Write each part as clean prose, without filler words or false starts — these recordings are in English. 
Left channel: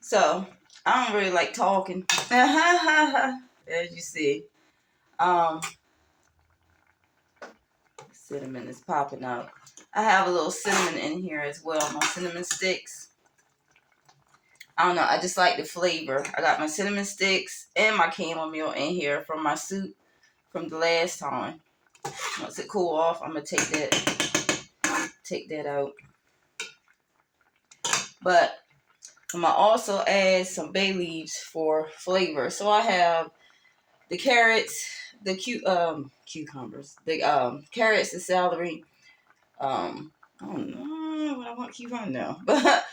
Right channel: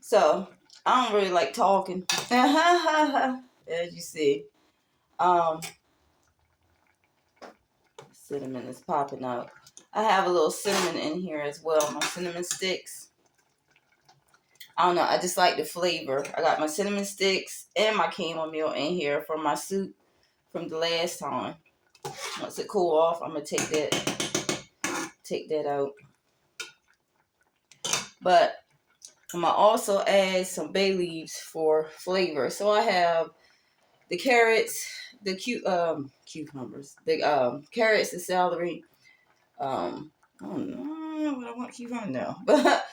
So I don't really like talking. As you see. Cinnamon is popping out. I have a little cinnamon in here as well. My cinnamon sticks. I don't know. I just like the flavor. I got my cinnamon sticks and my chamomile in here from my soup from the last time. Once it cool off, I'm gonna take that out. But I'm gonna also add some bay leaves for flavor. So I have the carrots, the cucumbers, the carrots, the celery. I don't know what I want cucumber now, but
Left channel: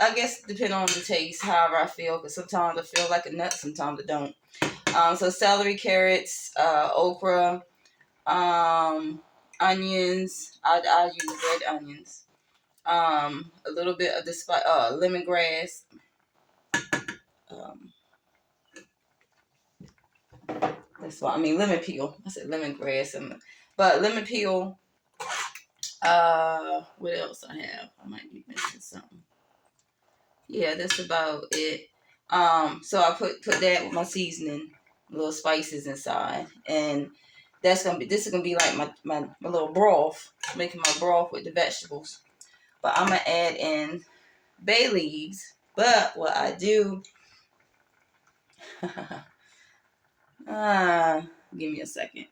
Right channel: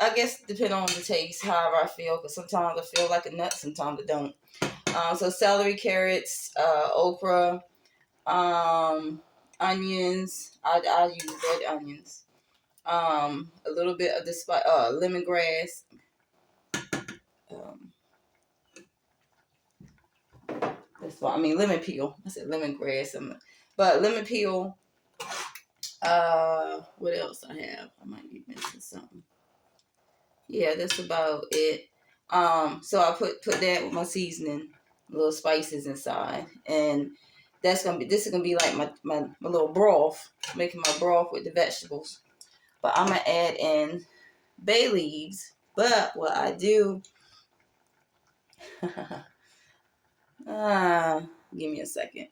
I guess depending on the taste, however I feel, because sometimes I feel like a nut, sometimes I don't. So celery, carrots, okra, onions. I use red onions. A little bit of the lemongrass. That's why I mean lemon peel. I said lemongrass, but lemon peel. What else I have? I might be missing something. Yeah, that's about it. So I put that with my seasoning, little spices inside, and this is gonna be like my little broth, making my broth with the vegetables. But I'm gonna add in bay leaves. But what I do, give me a second.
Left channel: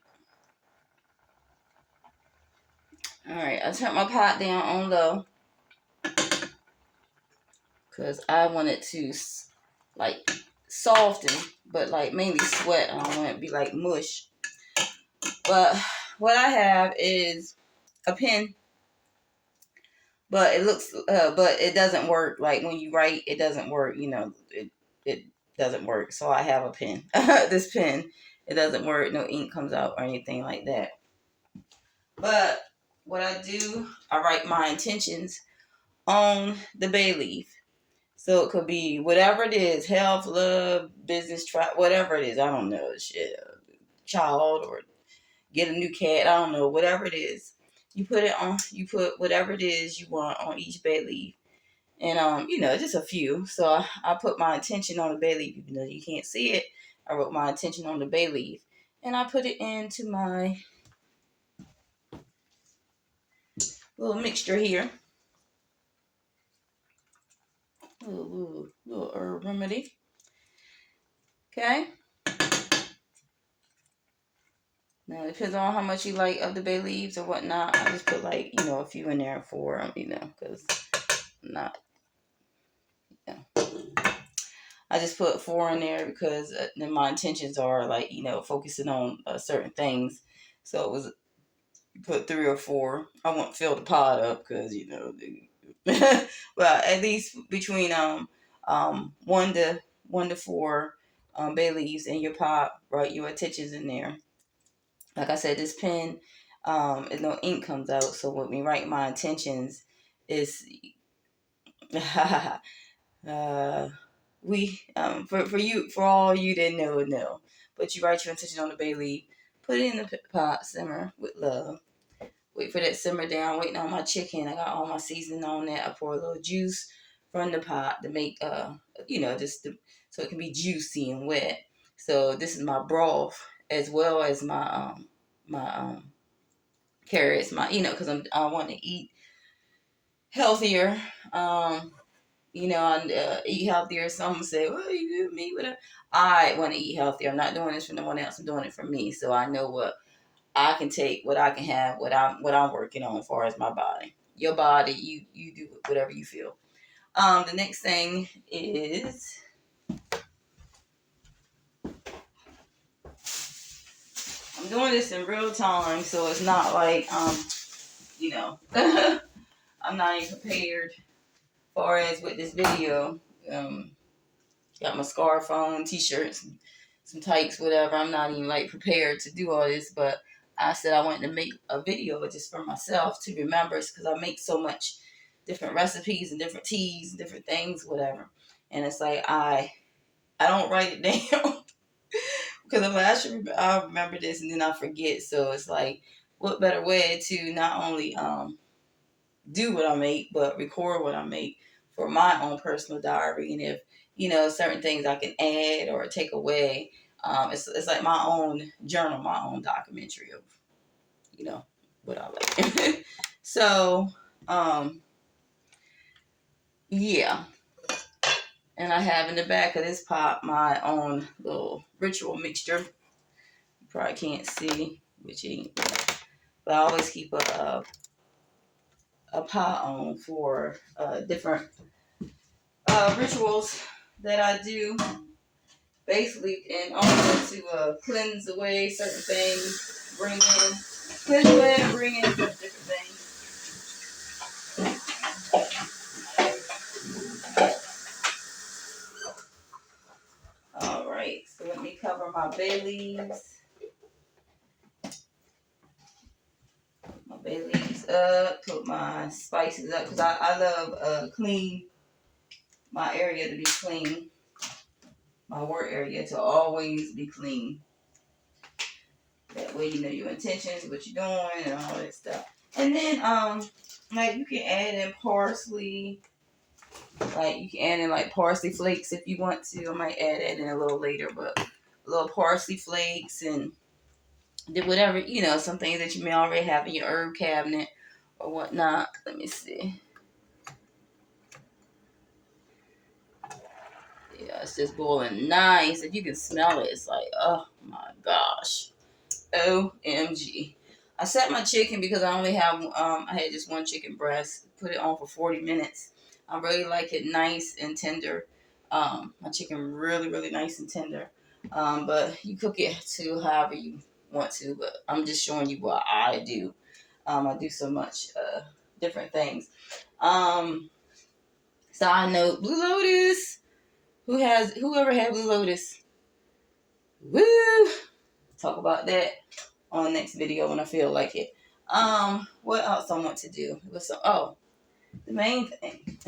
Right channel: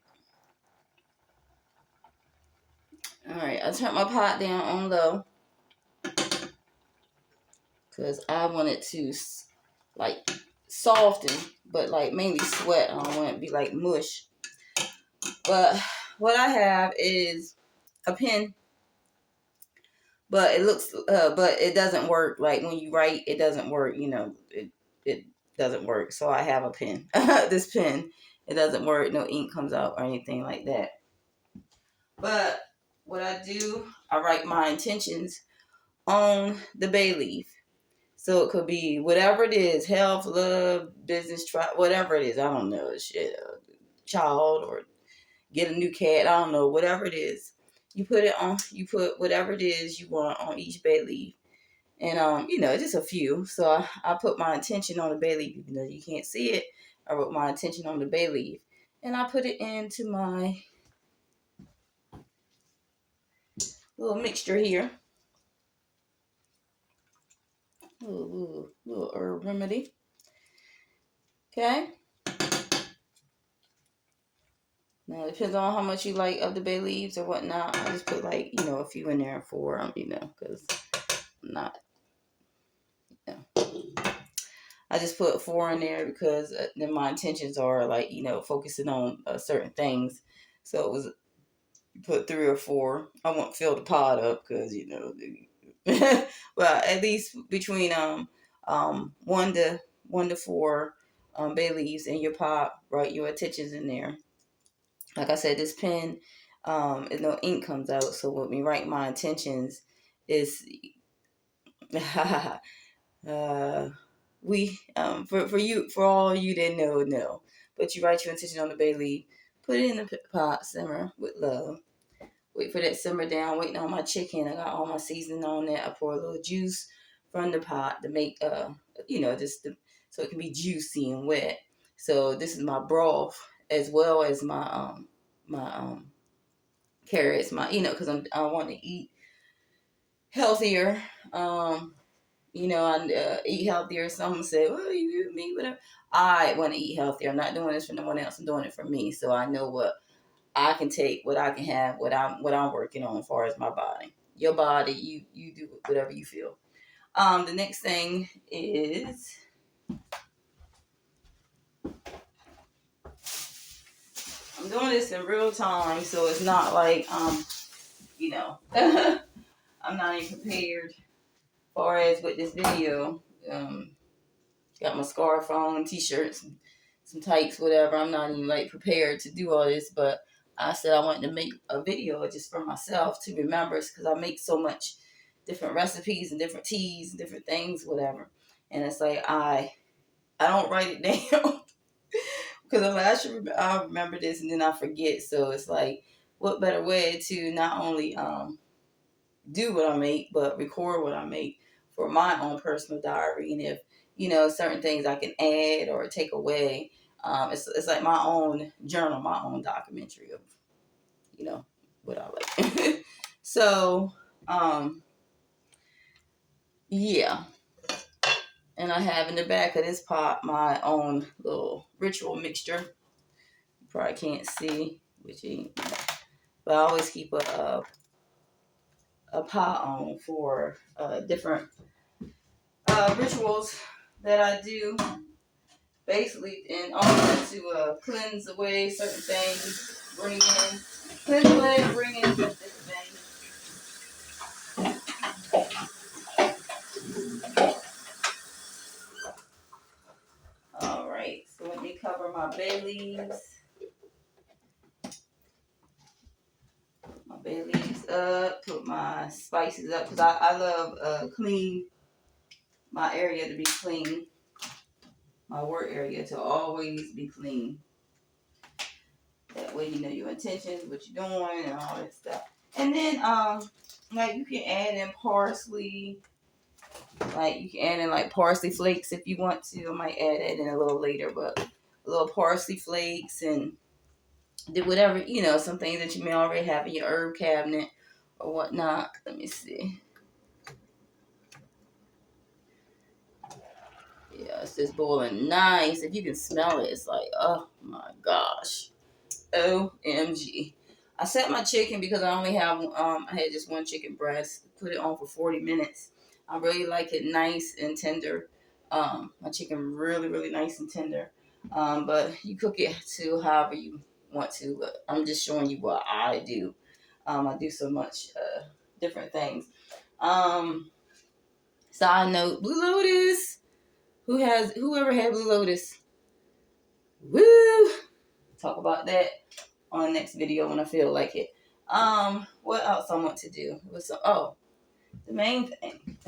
All right, I turn my pot down on low because I want it to like soften, but like mainly sweat. I don't want it to be like mush. But what I have is a pen, but it doesn't work. Like when you write, it doesn't work. You know, it doesn't work. So I have a pen. This pen, it doesn't work. No ink comes out or anything like that. But what I do, I write my intentions on the bay leaf. So it could be whatever it is, health, love, business, whatever it is. I don't know, shit, child or get a new cat. I don't know, whatever it is. You put whatever it is you want on each bay leaf. And, just a few. So I put my intention on the bay leaf, even though you can't see it. I wrote my intention on the bay leaf. And I put it into my little mixture here. Little herb remedy. Okay. Now, it depends on how much you like of the bay leaves or whatnot. I just put a few in there for them, because I'm not, I just put 4 in there because then my intentions are focusing on certain things. So it was put 3 or 4. I won't fill the pot up because, well, at least between 1 to 4 bay leaves in your pot, write your intentions in there. Like I said, this pen, no ink comes out. So when we write my intentions, is for all you didn't know. But you write your intention on the bay leaf, put it in the pot, simmer with love. Wait for that simmer down. Waiting on my chicken. I got all my seasoning on that. I pour a little juice from the pot to make so it can be juicy and wet. So this is my broth as well as my carrots, because I want to eat healthier. I eat healthier. Some say, "Well, you eat me," whatever. I want to eat healthier. I'm not doing this for no one else. I'm doing it for me. So I know what I can take, what I can have, what I'm working on as far as my body. Your body, you do whatever you feel. The next thing is I'm doing this in real time, so it's not like I'm not even prepared as far as with this video. Got my scarf on, t-shirts, some tights, whatever. I'm not even prepared to do all this, but I said I wanted to make a video just for myself to remember, because I make so much different recipes and different teas and different things, whatever. And it's like I don't write it down because I'm like I remember this and then I forget. So it's like what better way to not only do what I make, but record what I make for my own personal diary. And if, certain things I can add or take away, it's like my own journal, my own documentary of, what I like. So, yeah. And I have in the back of this pot my own little ritual mixture. You probably can't see, which ain't, but I always keep a pot on for different rituals that I do, basically, and also to cleanse away certain things, cleanse away and bring in some different things. All right, so let me cover my bay leaves. My bay leaves up, put my spices up, because I love clean, my area to be clean, my work area to always be clean. That way you know your intentions, what you're doing, and all that stuff. And then, like, you can add in parsley. Like, you can add in, like, parsley flakes if you want to. I might add that in a little later, but a little parsley flakes and whatever, some things that you may already have in your herb cabinet or whatnot. Let me see. Yeah, it's just boiling nice. If you can smell it, it's like, oh my gosh. OMG. I set my chicken because I only have, I had just one chicken breast. Put it on for 40 minutes. I really like it nice and tender. My chicken really, really nice and tender. But you cook it to however you want to. But I'm just showing you what I do. I do so much different things. Side note, Blue Lotus. Whoever had Blue Lotus? Woo! Talk about that on the next video when I feel like it. What else I want to do? The main thing.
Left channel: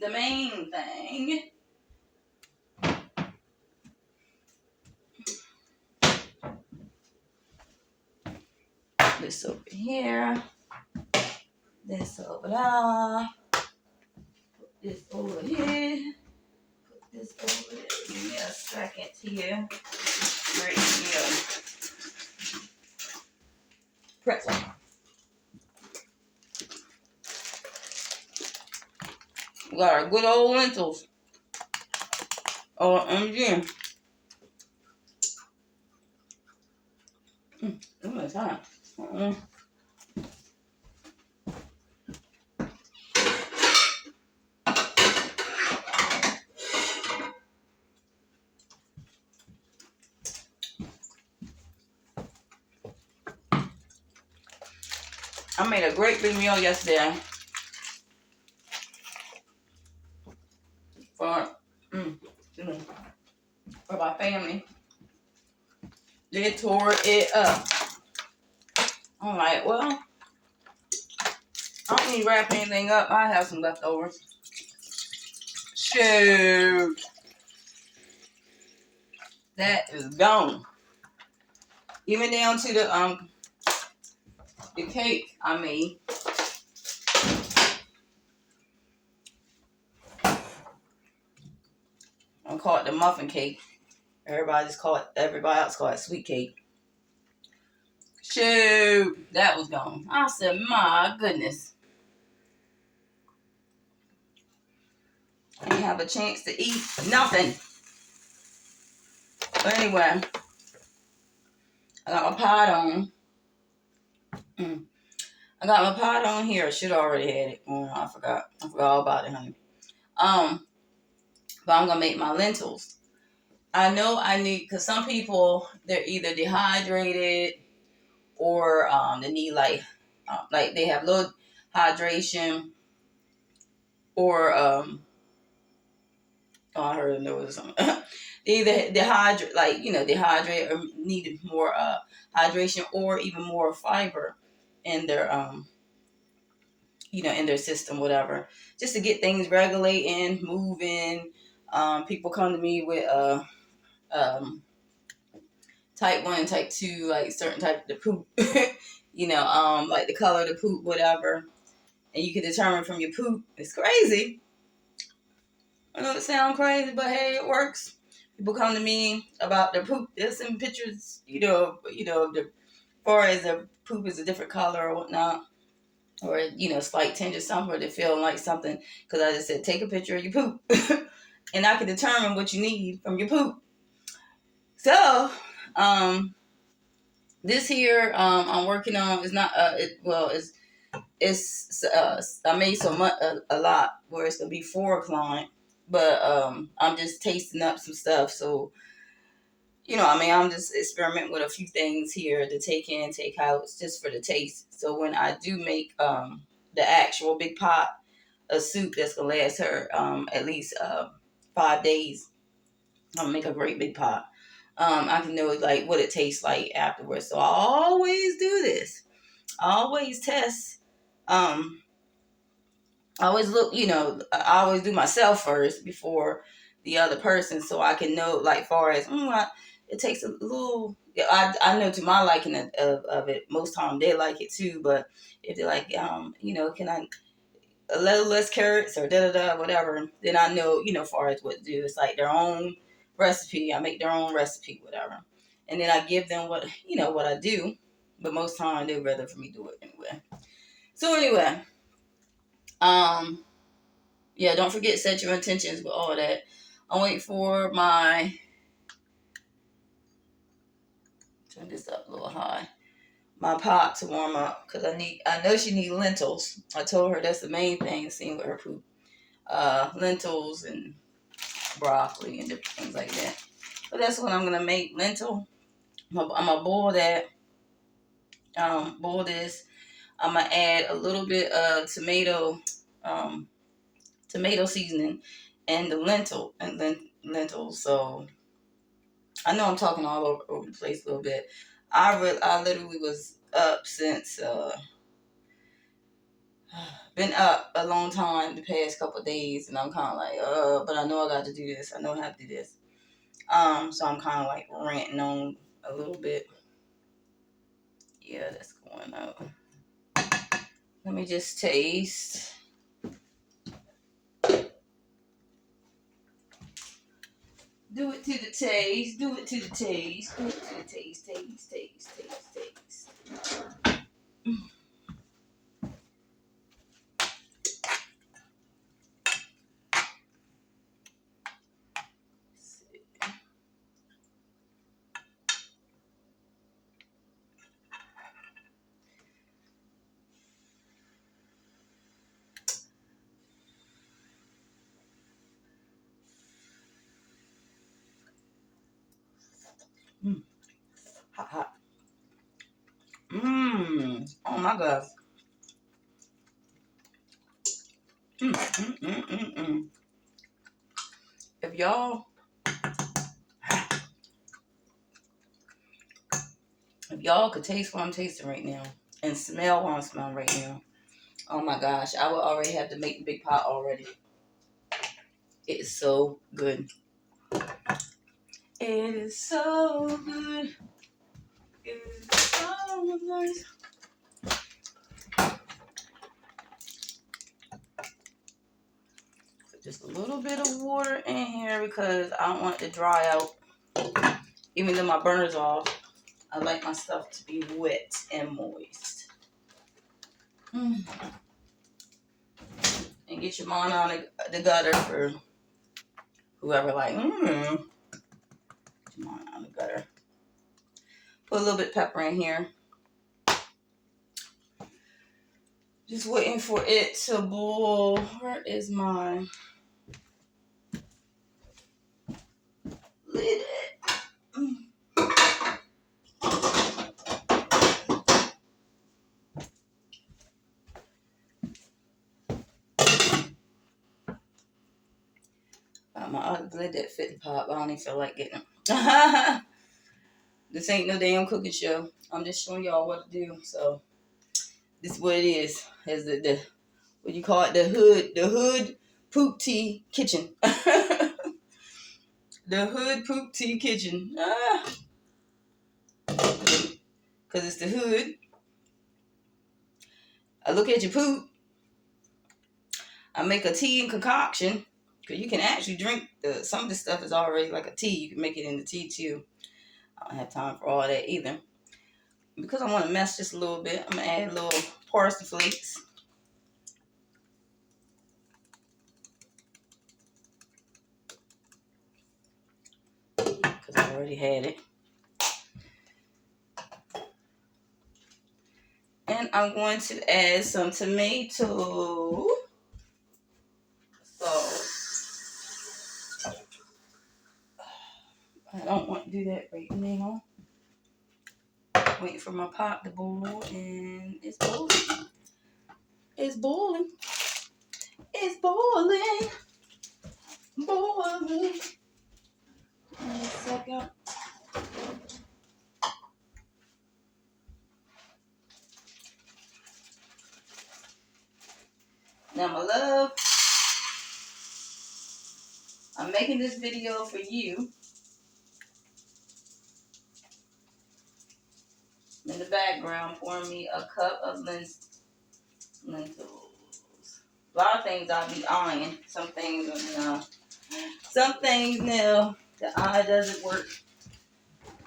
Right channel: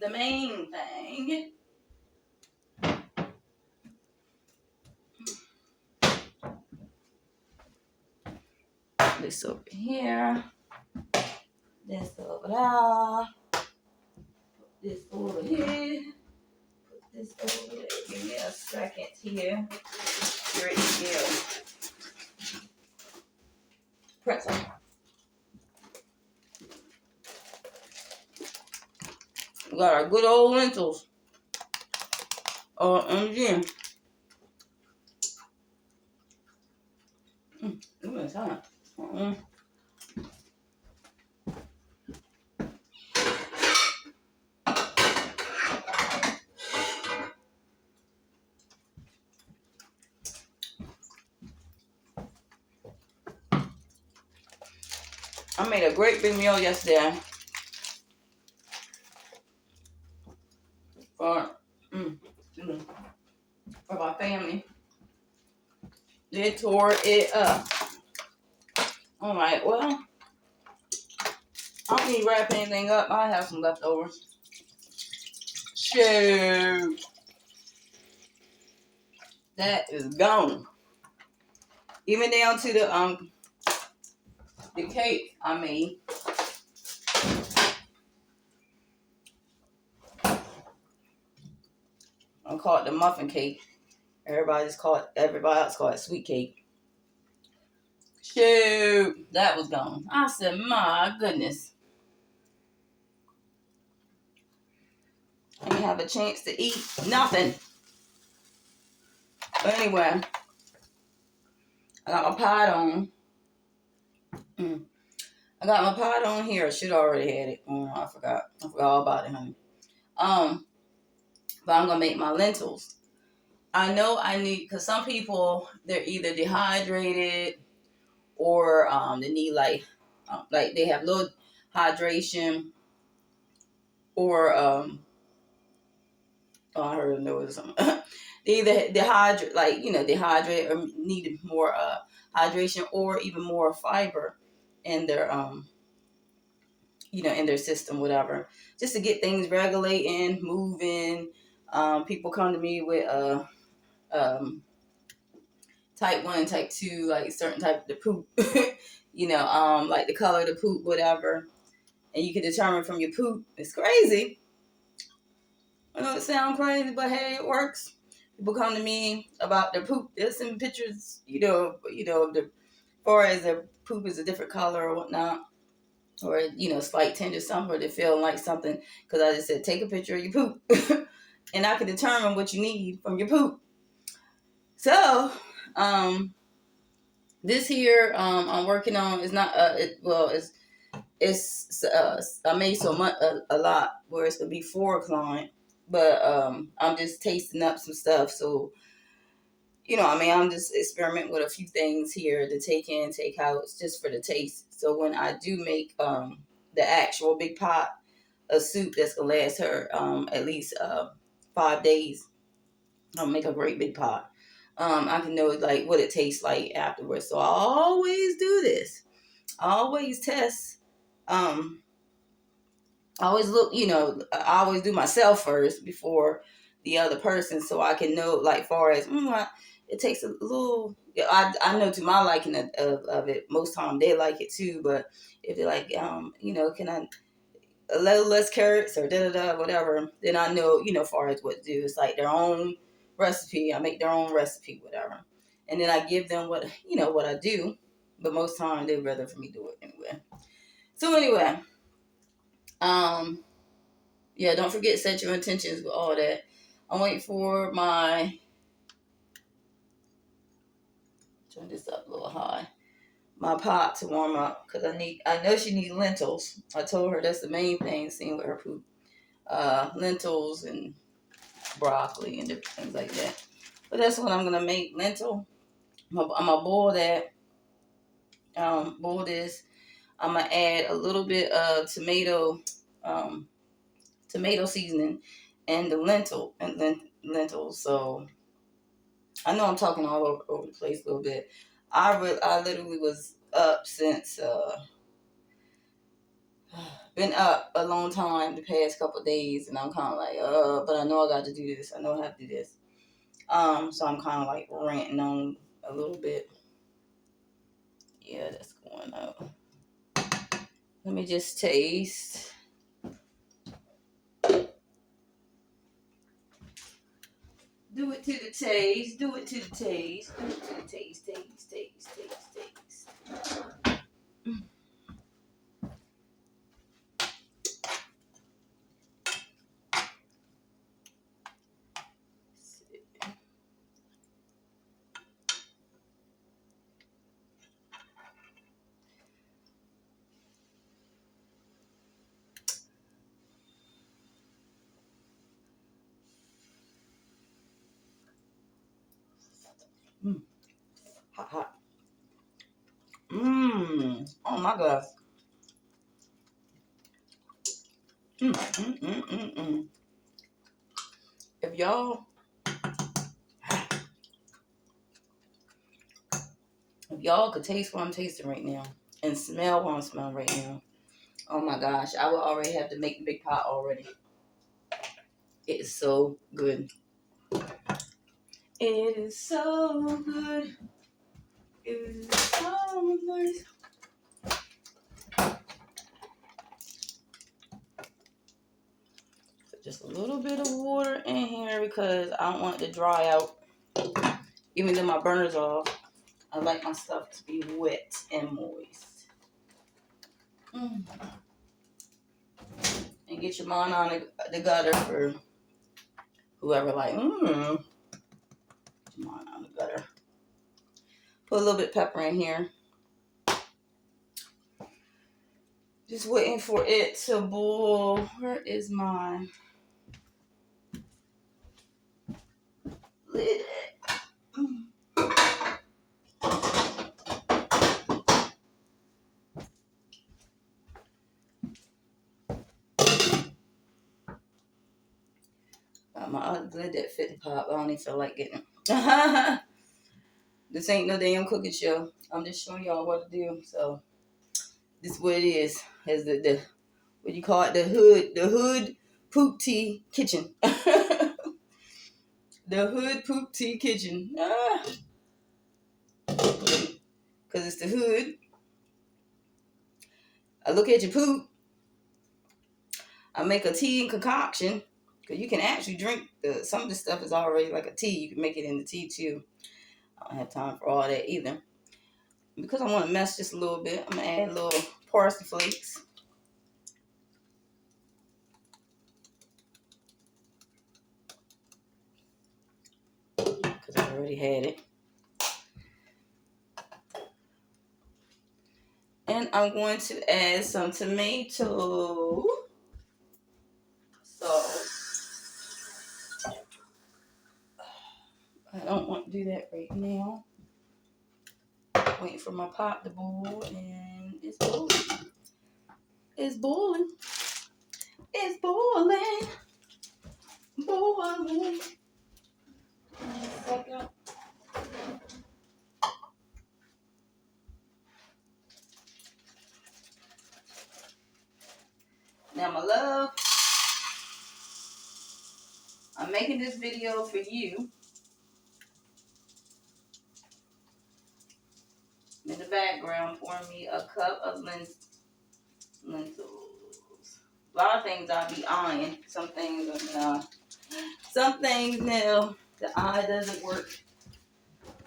The main thing. This over here. This over there. Put this over here. Put this over there. Give me a second here. Great deal. Pretzel. We got our good old lentils. OMG. It's hot. I made a great big meal yesterday for my family. They tore it up. I'm like, well, I don't need to wrap anything up. I have some leftovers. Shoot. That is gone. Even down to the cake I made. I call it the muffin cake. Everybody else call it sweet cake. Shoot, that was gone. I said, my goodness. I didn't have a chance to eat nothing. But anyway, I got my pot on. I got my pot on here. I should already had it on. I forgot all about it, honey. But I'm gonna make my lentils. I know I need, because some people, they're either dehydrated or they need like they have low hydration or I heard there was something. They either dehydrate or need more hydration or even more fiber in their in their system, whatever, just to get things regulating, moving. People come to me with type 1 and type 2, like certain type of the poop. Like the color of the poop, whatever. And you can determine from your poop. It's crazy. I know it sounds crazy, but hey, it works. People come to me about their poop. There's some pictures, the far as the poop is a different color or whatnot, or slight tinge or something, or they're feeling like something. Because I just said, take a picture of your poop, and I can determine what you need from your poop. So, this here I'm working on is not I made so much a lot where it's gonna be for a client, but I'm just tasting up some stuff. So I'm just experimenting with a few things here to take in, take out, just for the taste. So when I do make the actual big pot of soup that's gonna last her at least 5 days, I'll make a great big pot. I can know like what it tastes like afterwards. So I always do this. I always test. I always look, I always do myself first before the other person, so I can know, like, far as, it takes a little, I know to my liking of it, most time they like it too, but if they're like, can I, a little less carrots or da-da-da, whatever, then I know, far as what to do. It's like their own recipe. I make their own recipe, whatever. And then I give them what I do, but most time they'd rather for me do it anyway. So anyway, yeah, don't forget set your intentions with all that. I'm waiting for turn this up a little high, my pot to warm up because I know she needs lentils. I told her that's the main thing, seeing with her poop. Lentils and broccoli and different things like that. But that's what I'm gonna make, lentil. I'm gonna boil that. Boil this. I'm gonna add a little bit of tomato seasoning, and the lentils. So I know I'm talking all over the place a little bit. I literally was up since been up a long time the past couple of days, and I'm kind of like but I know I got to do this. I know I have to do this. So I'm kind of like ranting on a little bit. Yeah, that's going up. Let me just taste. Do it to the taste. Do it to the taste. Do it to the taste. Taste. Hot. Oh my gosh. If y'all could taste what I'm tasting right now and smell what I'm smelling right now, oh my gosh, I would already have to make the big pot already. It is so good. It is so good. It is so nice. Put just a little bit of water in here because I don't want it to dry out. Even though my burner's off, I like my stuff to be wet and moist. And get your mind on the gutter for whoever like, get your mind on the gutter. Put a little bit of pepper in here. Just waiting for it to boil. Where is my lid at? My other lid that fit the pot, but I don't even feel like getting it. This ain't no damn cooking show. I'm just showing y'all what to do. So this is what it is. Is the what do you call it? The hood poop tea kitchen. The hood poop tea kitchen. because it's the hood. I look at your poop. I make a tea and concoction, because you can actually drink some of this stuff is already like a tea. You can make it into tea too. I don't have time for all that either. Because I want to mess just a little bit, I'm going to add a little parsley flakes. Because I already had it. And I'm going to add some tomato sauce. I don't want to do that right now. Waiting for my pot to boil, and it's boiling. It's boiling. It's boiling. Boiling. Wait a second. Now, my love, I'm making this video for you. In the background, pouring me a cup of lentils. A lot of things I'll be eyeing. Some things no. Some things no. The eye doesn't work.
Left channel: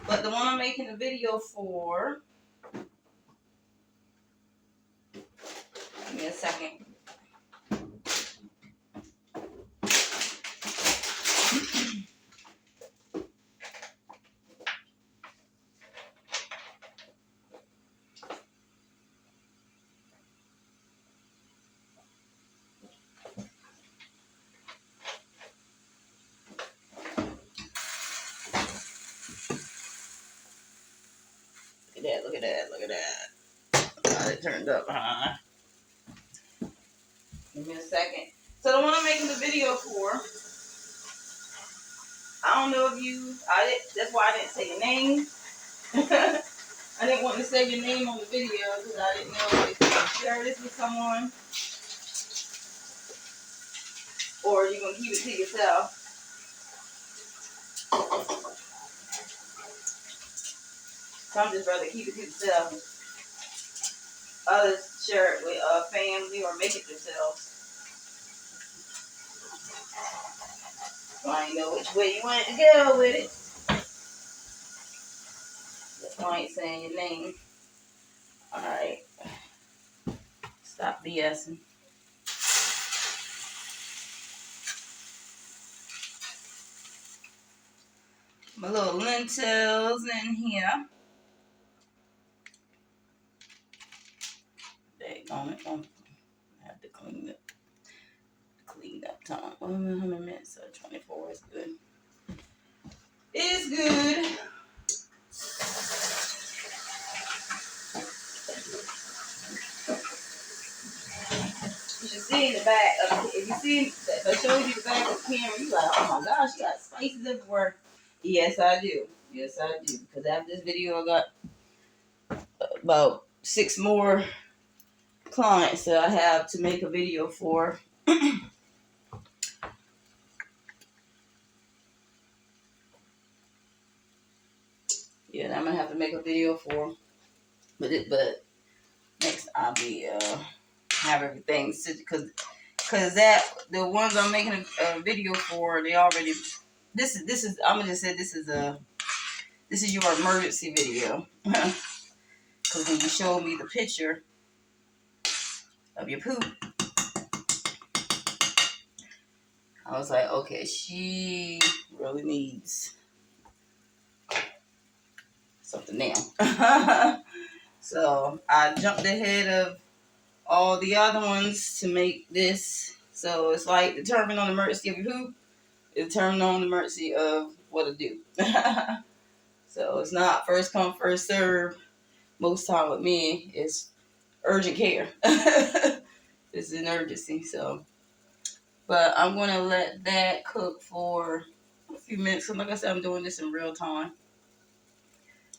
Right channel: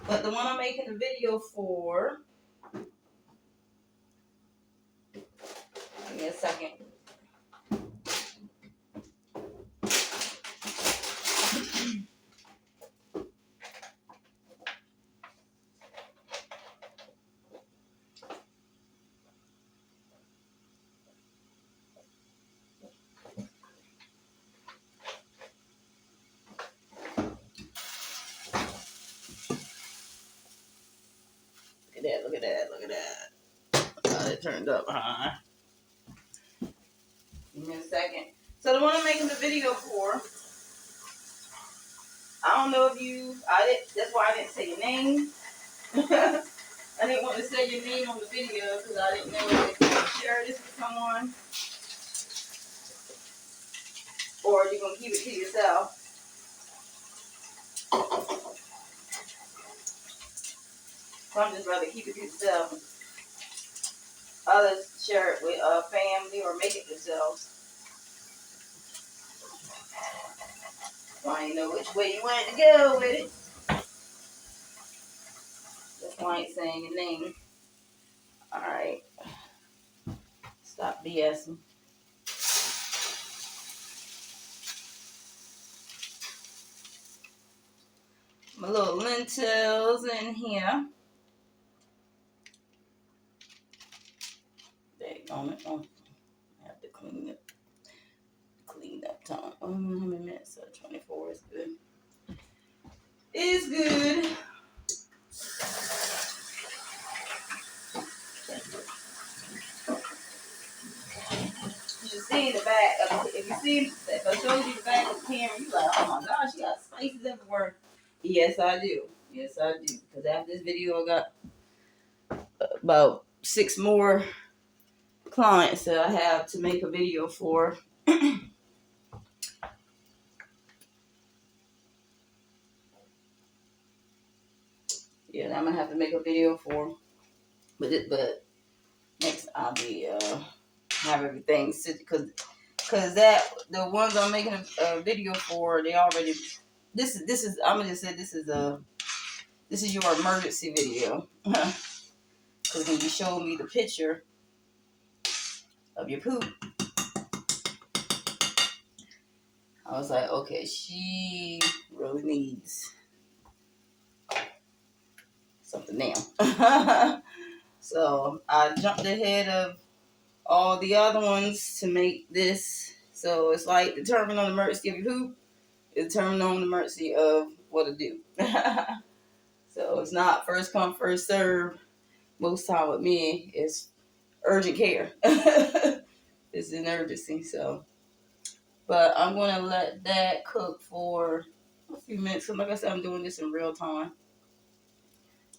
But the one I'm making the video for. Give me a second. Look at that. Got it turned up high. Give me a second. So the one I'm making the video for, I don't know if that's why I didn't say your name. I didn't want to say your name on the video because I didn't know if you could share this with someone or you're going to keep it to yourself. So I'm just rather keep it to yourself. Others share it with family or make it themselves. So I didn't know which way you wanted to go with it. That's why I ain't saying your name. Alright. Stop BSing. My little lentils in here. Dang it. I have to clean it. Clean up time. How many minutes? 24 is good. It's good. You should see in the back. If I showed you the back of the camera, you like, oh my gosh, she got spices everywhere. Yes, I do. Because after this video, I got about 6 more clients that I have to make a video for. Yeah, I'm gonna have to make a video for. But next I'll be have everything because that the ones I'm making a video for, they already. This is I'm gonna just say this is your emergency video. Because when you showed me the picture of your poop, I was like, okay, she really needs something now. So I jumped ahead of all the other ones to make this. So it's like determine on the emergency of your poop, determine on the emergency of what to do. So it's not first come, first serve. Most time with me, it's urgent care. It's an emergency, so. But I'm going to let that cook for a few minutes. So like I said, I'm doing this in real time.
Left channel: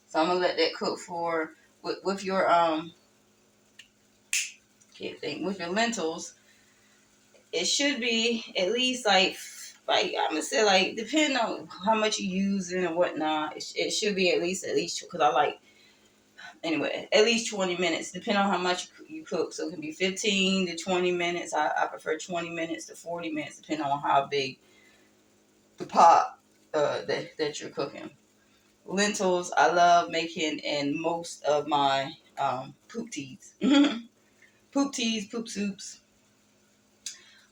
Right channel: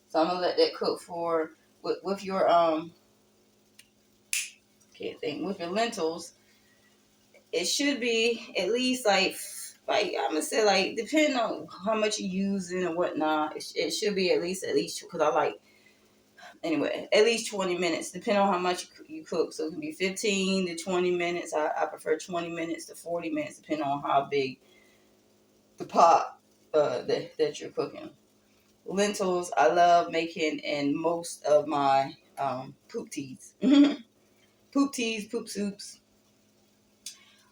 So I'm going to let that cook for, with your, with your lentils. It should be at least like I'm going to say like, depending on how much you're using and whatnot, it should be at least, because I like anyway, at least 20 minutes, depending on how much you cook. So it can be 15 to 20 minutes. I prefer 20 minutes to 40 minutes, depending on how big the pot that you're cooking. Lentils, I love making in most of my poop teas. Poop teas, poop soups.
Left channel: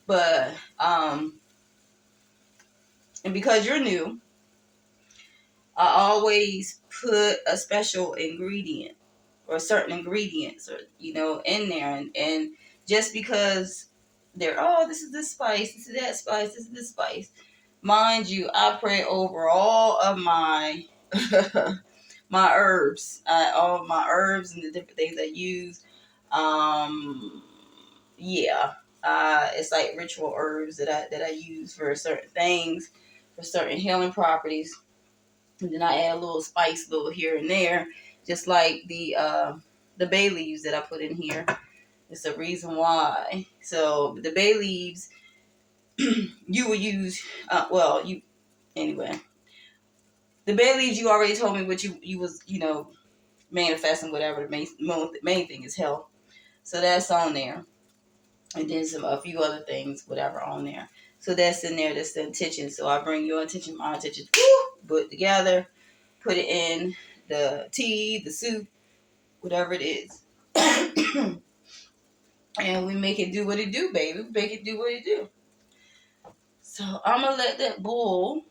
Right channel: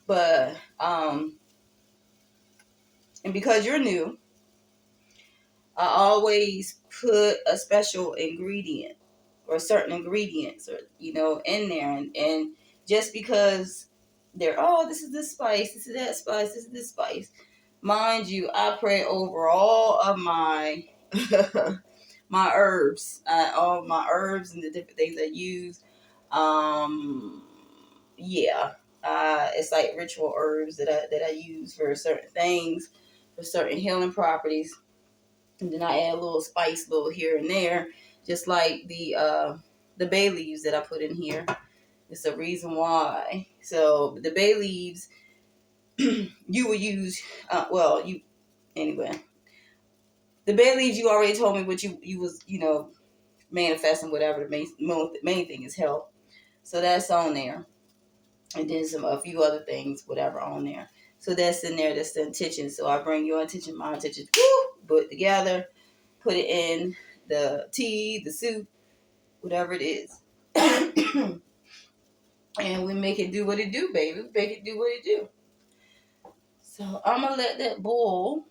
But, and because you're new, I always put a special ingredient or certain ingredients or in there, and just because they're, oh, this is this spice, this is that spice, this is this spice, mind you, I pray over all of my my herbs, all of my herbs and the different things I use. Yeah, it's like ritual herbs that I use for certain things, for certain healing properties. And then I add a little spice, a little here and there, just like the bay leaves that I put in here. It's a reason why. So the bay leaves, you will use. You anyway. The bay leaves, you already told me what you was manifesting, whatever. The main thing is health. So that's on there, and then a few other things, whatever, on there. So that's in there. That's the intention. So I bring your intention, my intention, put together, put it in the tea, the soup, whatever it is. And we make it do what it do, baby. We make it do what it do. So I'm going to let that boil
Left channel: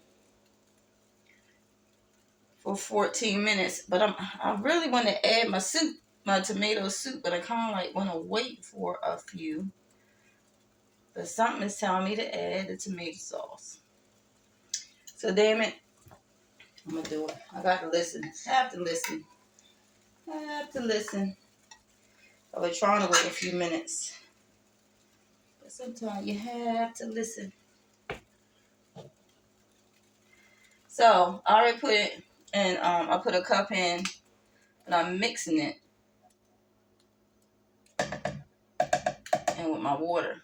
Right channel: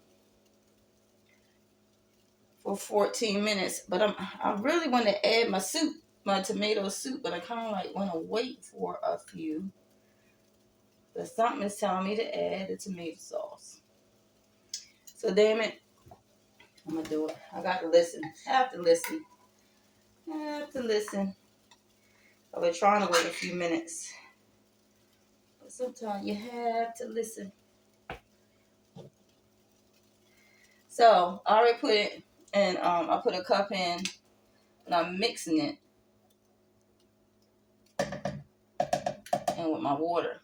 for 14 minutes. But I really want to add my soup, my tomato soup, but I kind of like want to wait for a few. But something is telling me to add the tomato sauce. So damn it, I'm going to do it. I got to listen. I have to listen. I was trying to wait a few minutes. But sometimes you have to listen. So I already put it in, I put a cup in, and I'm mixing it in with my water.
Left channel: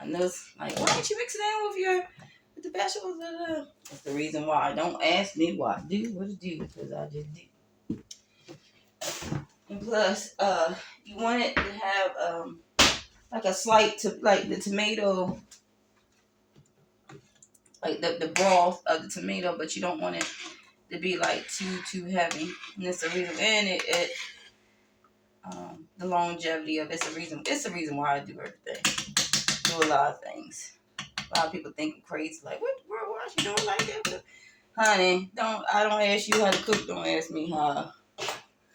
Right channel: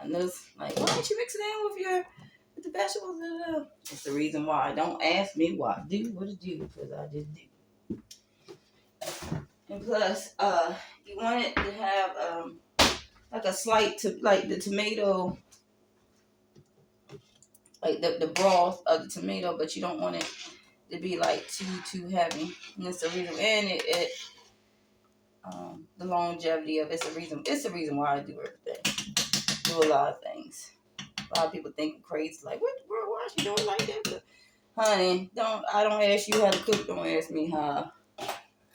I know it's like, why don't you mix it in with the vegetables? That's the reason why. Don't ask me why I do what I do, because I just do. And plus, you want it to have like a slight like the tomato, like the broth of the tomato, but you don't want it to be like too heavy. And that's the reason. And it the longevity of it's the reason why I do everything. Do a lot of things. A lot of people think I'm crazy, like, what, girl, why is you doing like that? But, honey, I don't ask you how to cook. Don't ask me how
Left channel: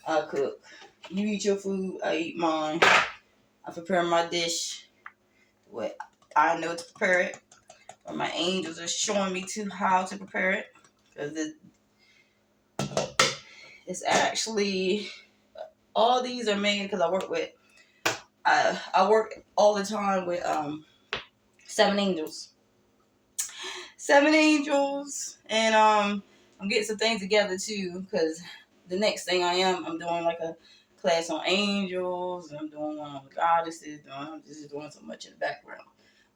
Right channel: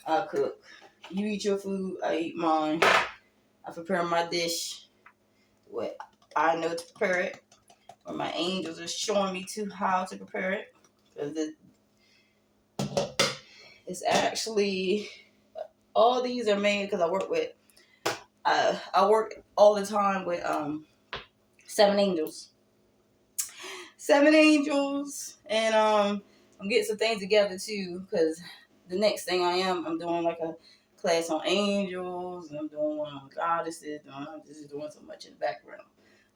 I cook. You eat your food, I eat mine. I prepare my dish what I know to prepare it, or my angels are showing me how to prepare it, because it's actually, all these are made because I work with. I work all the time with 7 angels. 7 angels, and I'm getting some things together too, because the next thing I'm doing like a class on angels, and I'm doing one on goddesses, I'm just doing so much in the background.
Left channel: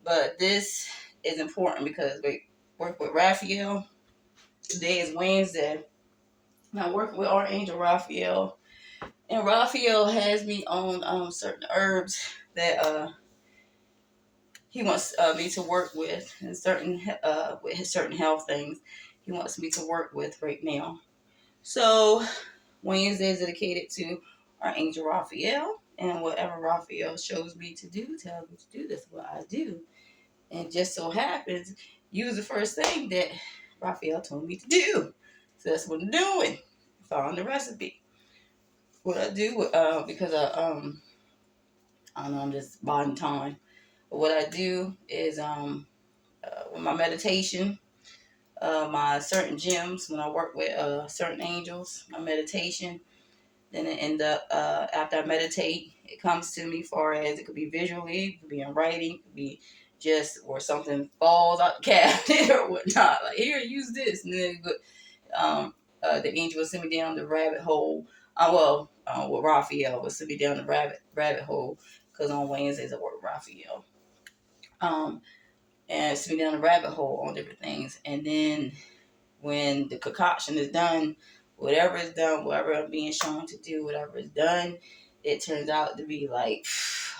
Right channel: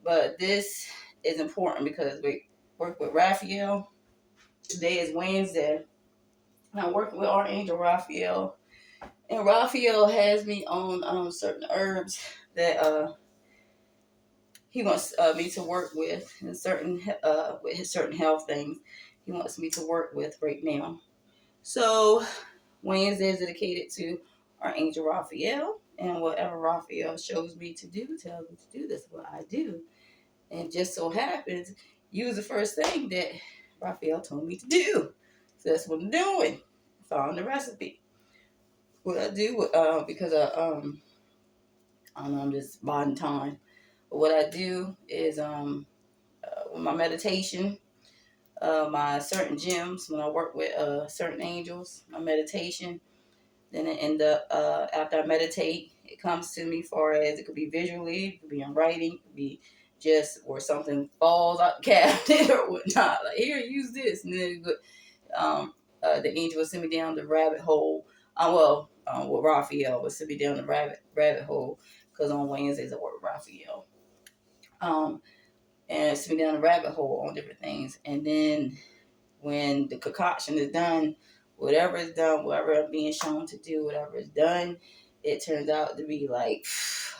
But this is important because we work with Raphael. Today is Wednesday, and I'm working with Archangel Raphael, and Raphael has me on certain herbs that he wants me to work with, and with his certain health things he wants me to work with right now. So Wednesday is dedicated to our angel Raphael, and whatever Raphael shows me to do, tells me to do, that's what I do. And just so happens, you was the first thing that Raphael told me to do. So that's what I'm doing. Following the recipe. What I do, because I don't know, I'm just biding time. But what I do is with my meditation, my certain gems, when I work with certain angels, my meditation, then it end up, after I meditate, it comes to me far as it could be visually, it could be in writing, it could be just where something falls out the cabinet or whatnot. Like, here, use this. And then the angel will send me down the rabbit hole. With Raphael will send me down the rabbit hole, because on Wednesdays I work with Raphael. And send me down the rabbit hole on different things. And then when the concoction is done, whatever is done, whatever I'm being shown to do, whatever is done, it turns out to be like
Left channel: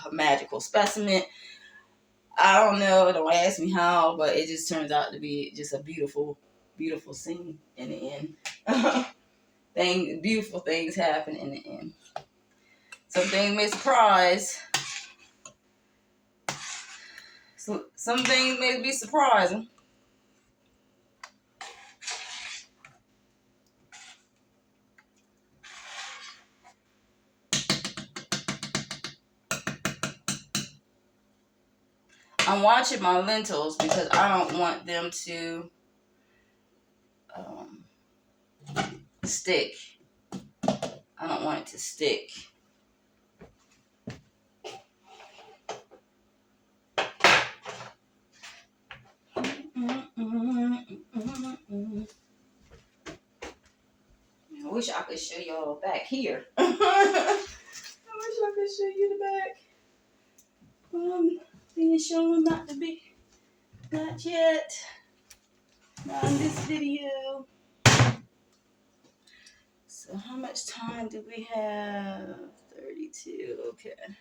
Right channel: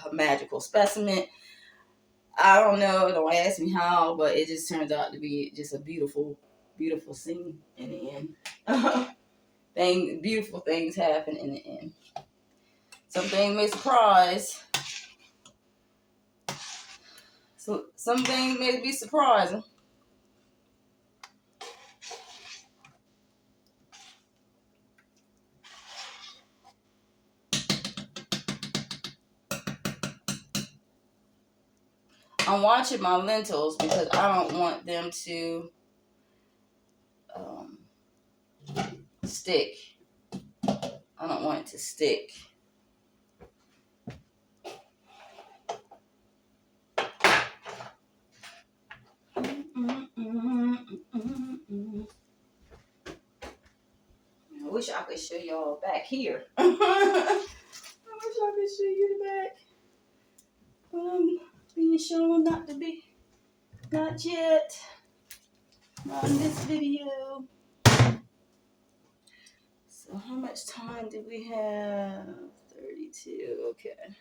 a magical specimen. I don't know, don't ask me how, but it just turns out to be just a beautiful, beautiful scene in the end. Beautiful things happen in the end. Some things may surprise. So some things may be surprising. I'm watching my lentils because I don't want them to stick. I don't want it to stick. I wish I could show y'all back here. I wish I could show you the back. But I'm being shown not to be. Not yet. Not in this video. So how much time do we have? 32. Okay.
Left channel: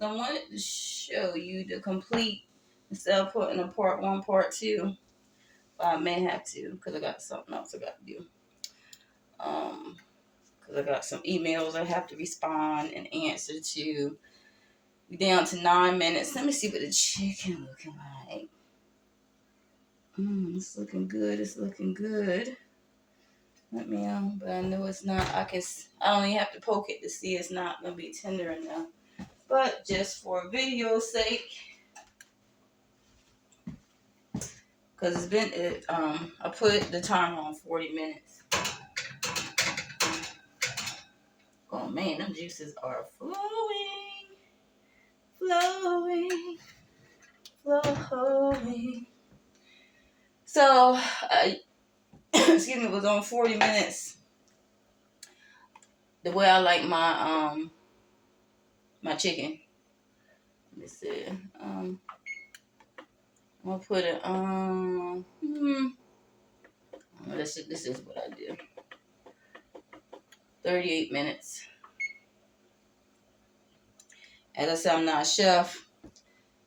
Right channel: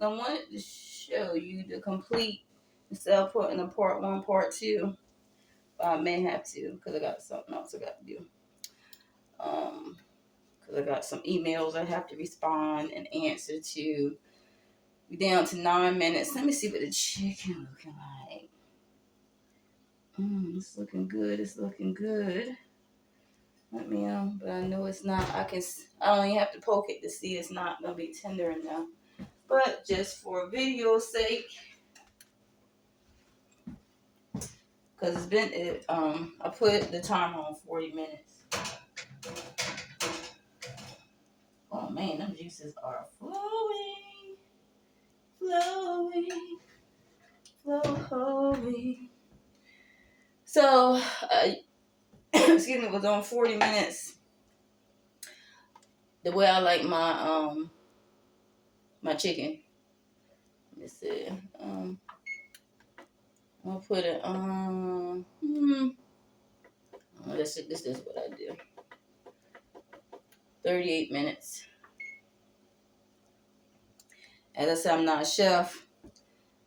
I wanted to show you the complete instead of putting a part 1, part 2. But I may have to because I got something else I got to do. Because I got some emails I have to respond and answer to. We're down to 9 minutes. Let me see what the chicken looking like. It's looking good. It's looking good. Let me but I know it's not. I don't even have to poke it to see it's not gonna be tender enough. But just for video's sake, because it's been I put the timer on 40 minutes. Oh man, them juices are flowing. So, excuse me, it was on 40 minutes. The way I like my my chicken. Let me see. I'm gonna put it on. This is what I do. 38 minutes. As I said, I'm not a chef.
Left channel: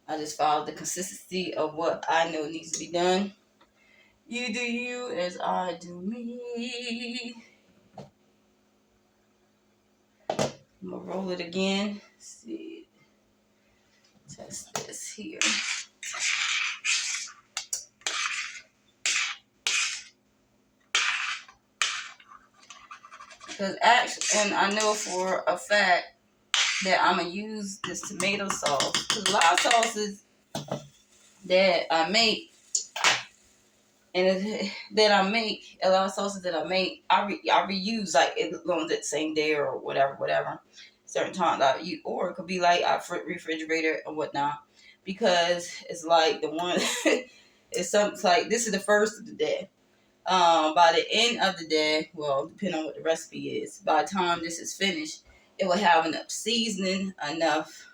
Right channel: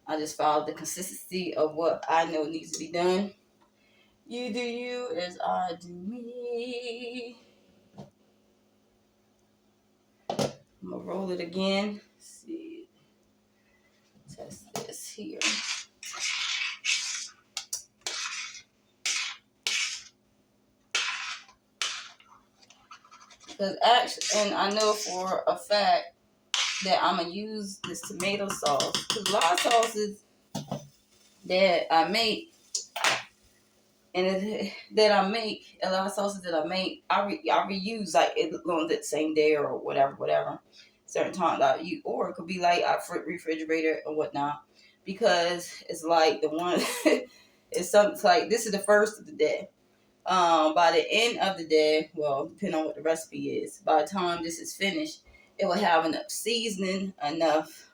I just follow the consistency of what I know needs to be done. You do you as I do me. I'm gonna roll it again. Let's see. Test this here. Because actually, and I know for a fact that I'm gonna use this tomato sauce. Because a lot of sauces that I make, a lot of sauces that I make, I reuse like it on the same day or whatever. Certain times I use, or it could be like I refrigerator and whatnot, because it's like the one, it's something like this is the first of the day. By the end of the day, well, depending on what the recipe is, by the time this is finished, it will have enough seasoning, enough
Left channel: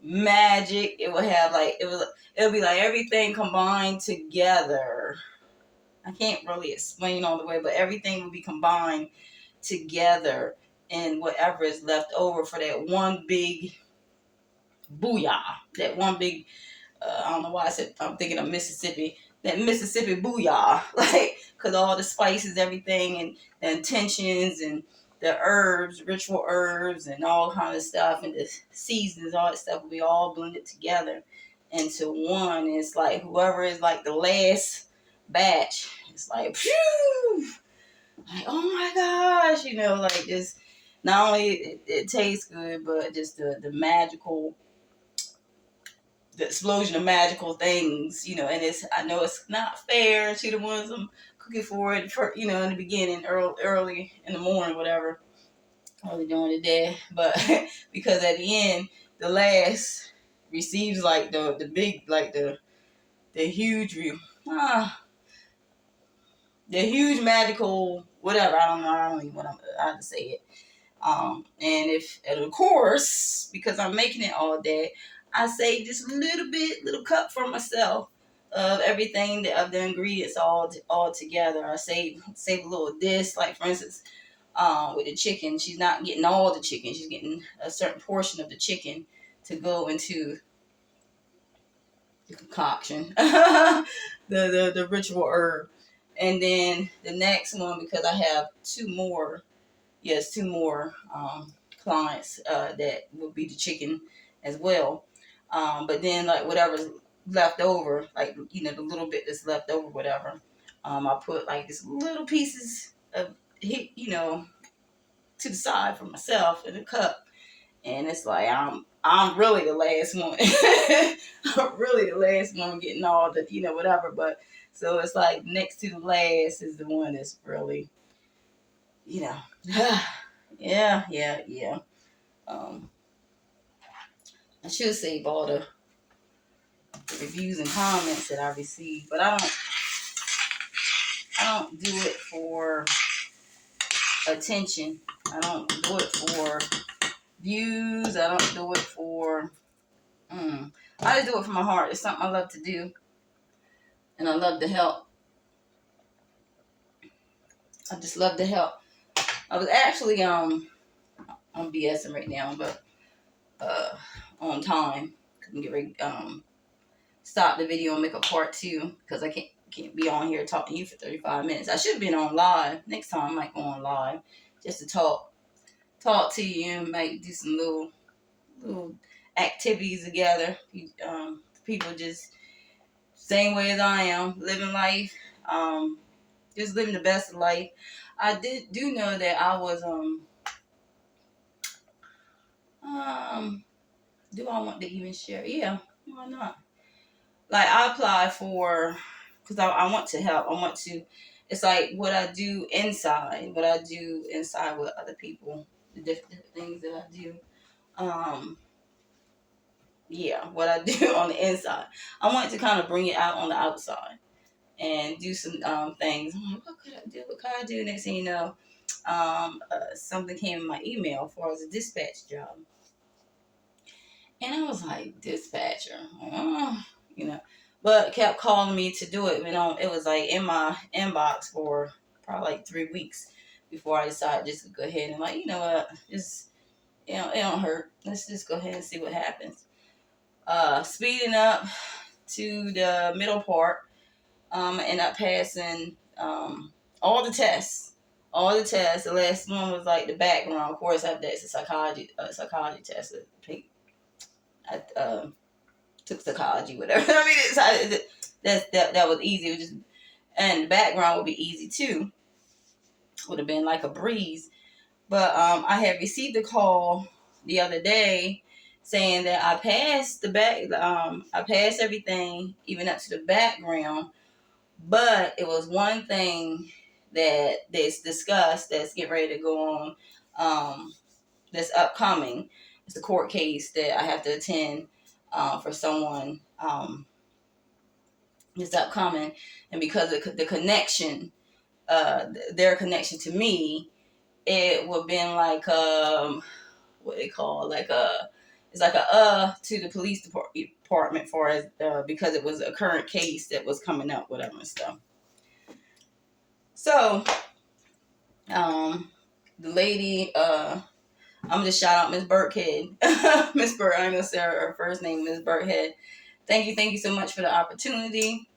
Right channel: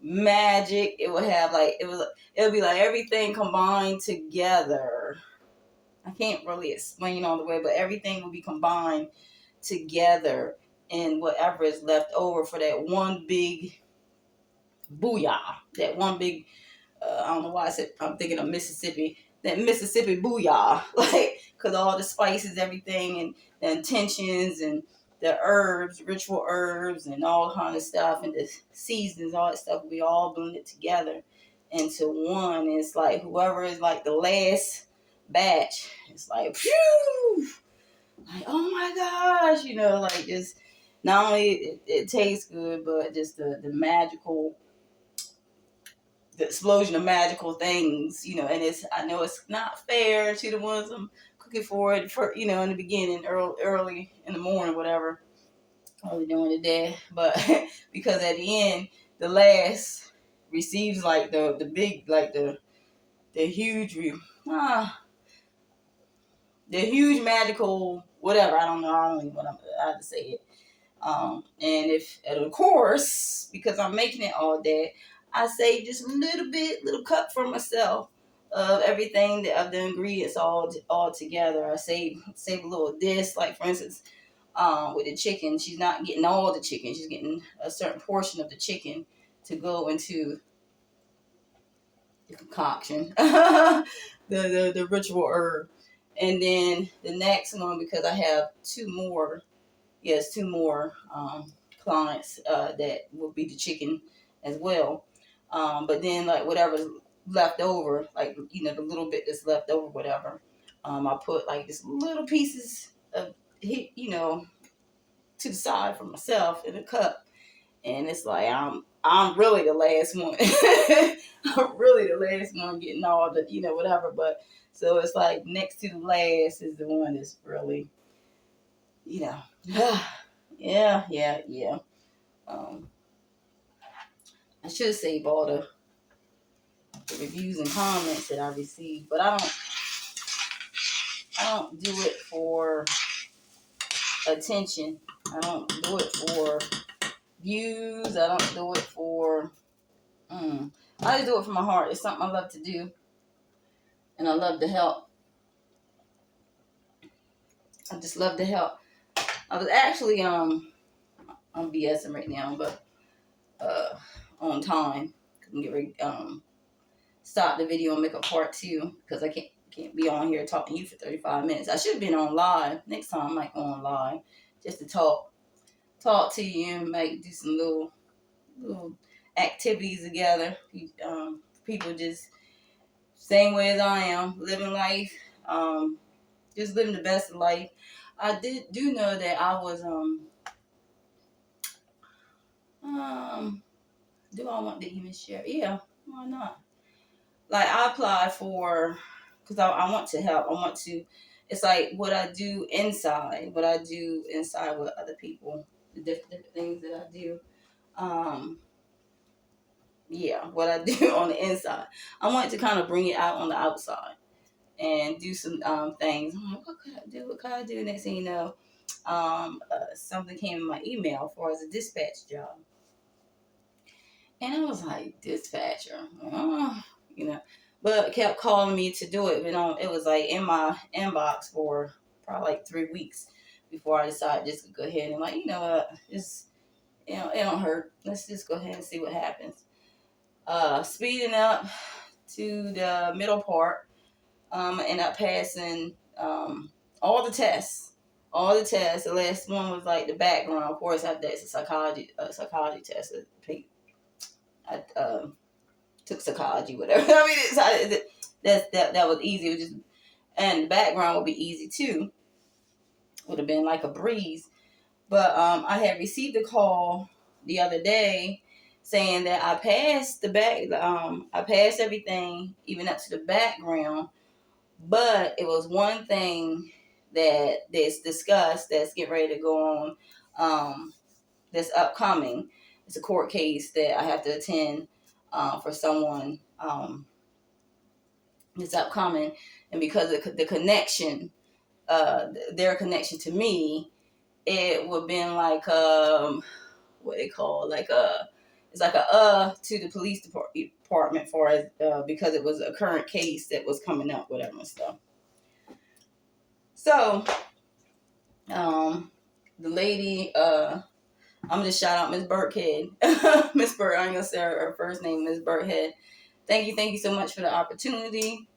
magic. It will have like it'll be like everything combined together. I can't really explain all the way, but everything will be combined together in whatever is left over for that one big booyah. That one big I don't know why I'm thinking of Mississippi. That Mississippi booyah, like, cause all the spices, everything, and the intentions and the herbs, ritual herbs, and all kind of stuff, and the seasons, all that stuff will be all blended together into one. It's like whoever is like the last batch, it's like, phew, like, oh my gosh, like just not only it tastes good, but just the magical. The explosion of magical things, and I know it's not fair to the ones I'm cooking for in the beginning, early in the morning, whatever, early during the day, but because at the end, the last receives like the big, like the huge, the huge magical, whatever, I don't even want to say it. And of course, because I'm making it all day, I save just a little cup for myself of everything of the ingredients all together. I save a little this, like for instance, with the chicken, she's not getting all the chicken. She's getting a certain portion of the chicken to go into the concoction, the ritual herb. And then the next one, because I have two more clients that will be the chicken as well. But then like whatever's left over, like the little bit that's left over, whatever, I put like this little pieces of to the side for myself in a cup. And it's like I'm really the last one. I'm really the last one getting all the whatever. But so it's like next to the last is the one that's really yeah. Um, I should save all the reviews and comments that I received, but I don't do it for attention. I don't do it for views. I don't do it for. I just do it from my heart. It's something I love to do, and I love to help. I just love to help. I was actually I'm BSing right now, but on time. Couldn't get ready stop the video and make a part 2 because I can't be on here talking to you for 35 minutes. I should have been on live. Next time I might go on live just to talk to you and might do some little activities together. People just same way as I am, living life, just living the best of life. I do know that I was do I want to even share? Yeah, why not? Like I applied for, because I want to help. I want to. It's like what I do inside with other people, the different things that I do. Yeah, what I do on the inside. I want to kind of bring it out on the outside and do some things. I'm like, what could I do? What could I do? Next thing you know, something came in my email for as a dispatch job. And I was like, dispatcher, but kept calling me to do it. It was like in my inbox for probably like 3 weeks before I decided just to go ahead and like, just, it don't hurt. Let's just go ahead and see what happens. Speeding up to the middle part, end up passing all the tests. The last one was like the background. Of course, that's a psychology test. I took psychology, whatever. I mean, that was easy. It was just, and the background would be easy too. Would have been like a breeze. But I had received a call the other day saying that I passed I passed everything, even up to the background. But it was one thing that's discussed that's getting ready to go on. That's upcoming. It's a court case that I have to attend for someone that's upcoming, and because of the connection, their connection to me, it would have been like what they call like it's like to the police department for us because it was a current case that was coming up, whatever and stuff. So the lady I'm just shout out Miss Burkhead. Miss Burke, I'm gonna say her first name, Miss Burkhead. Thank you so much for the opportunity.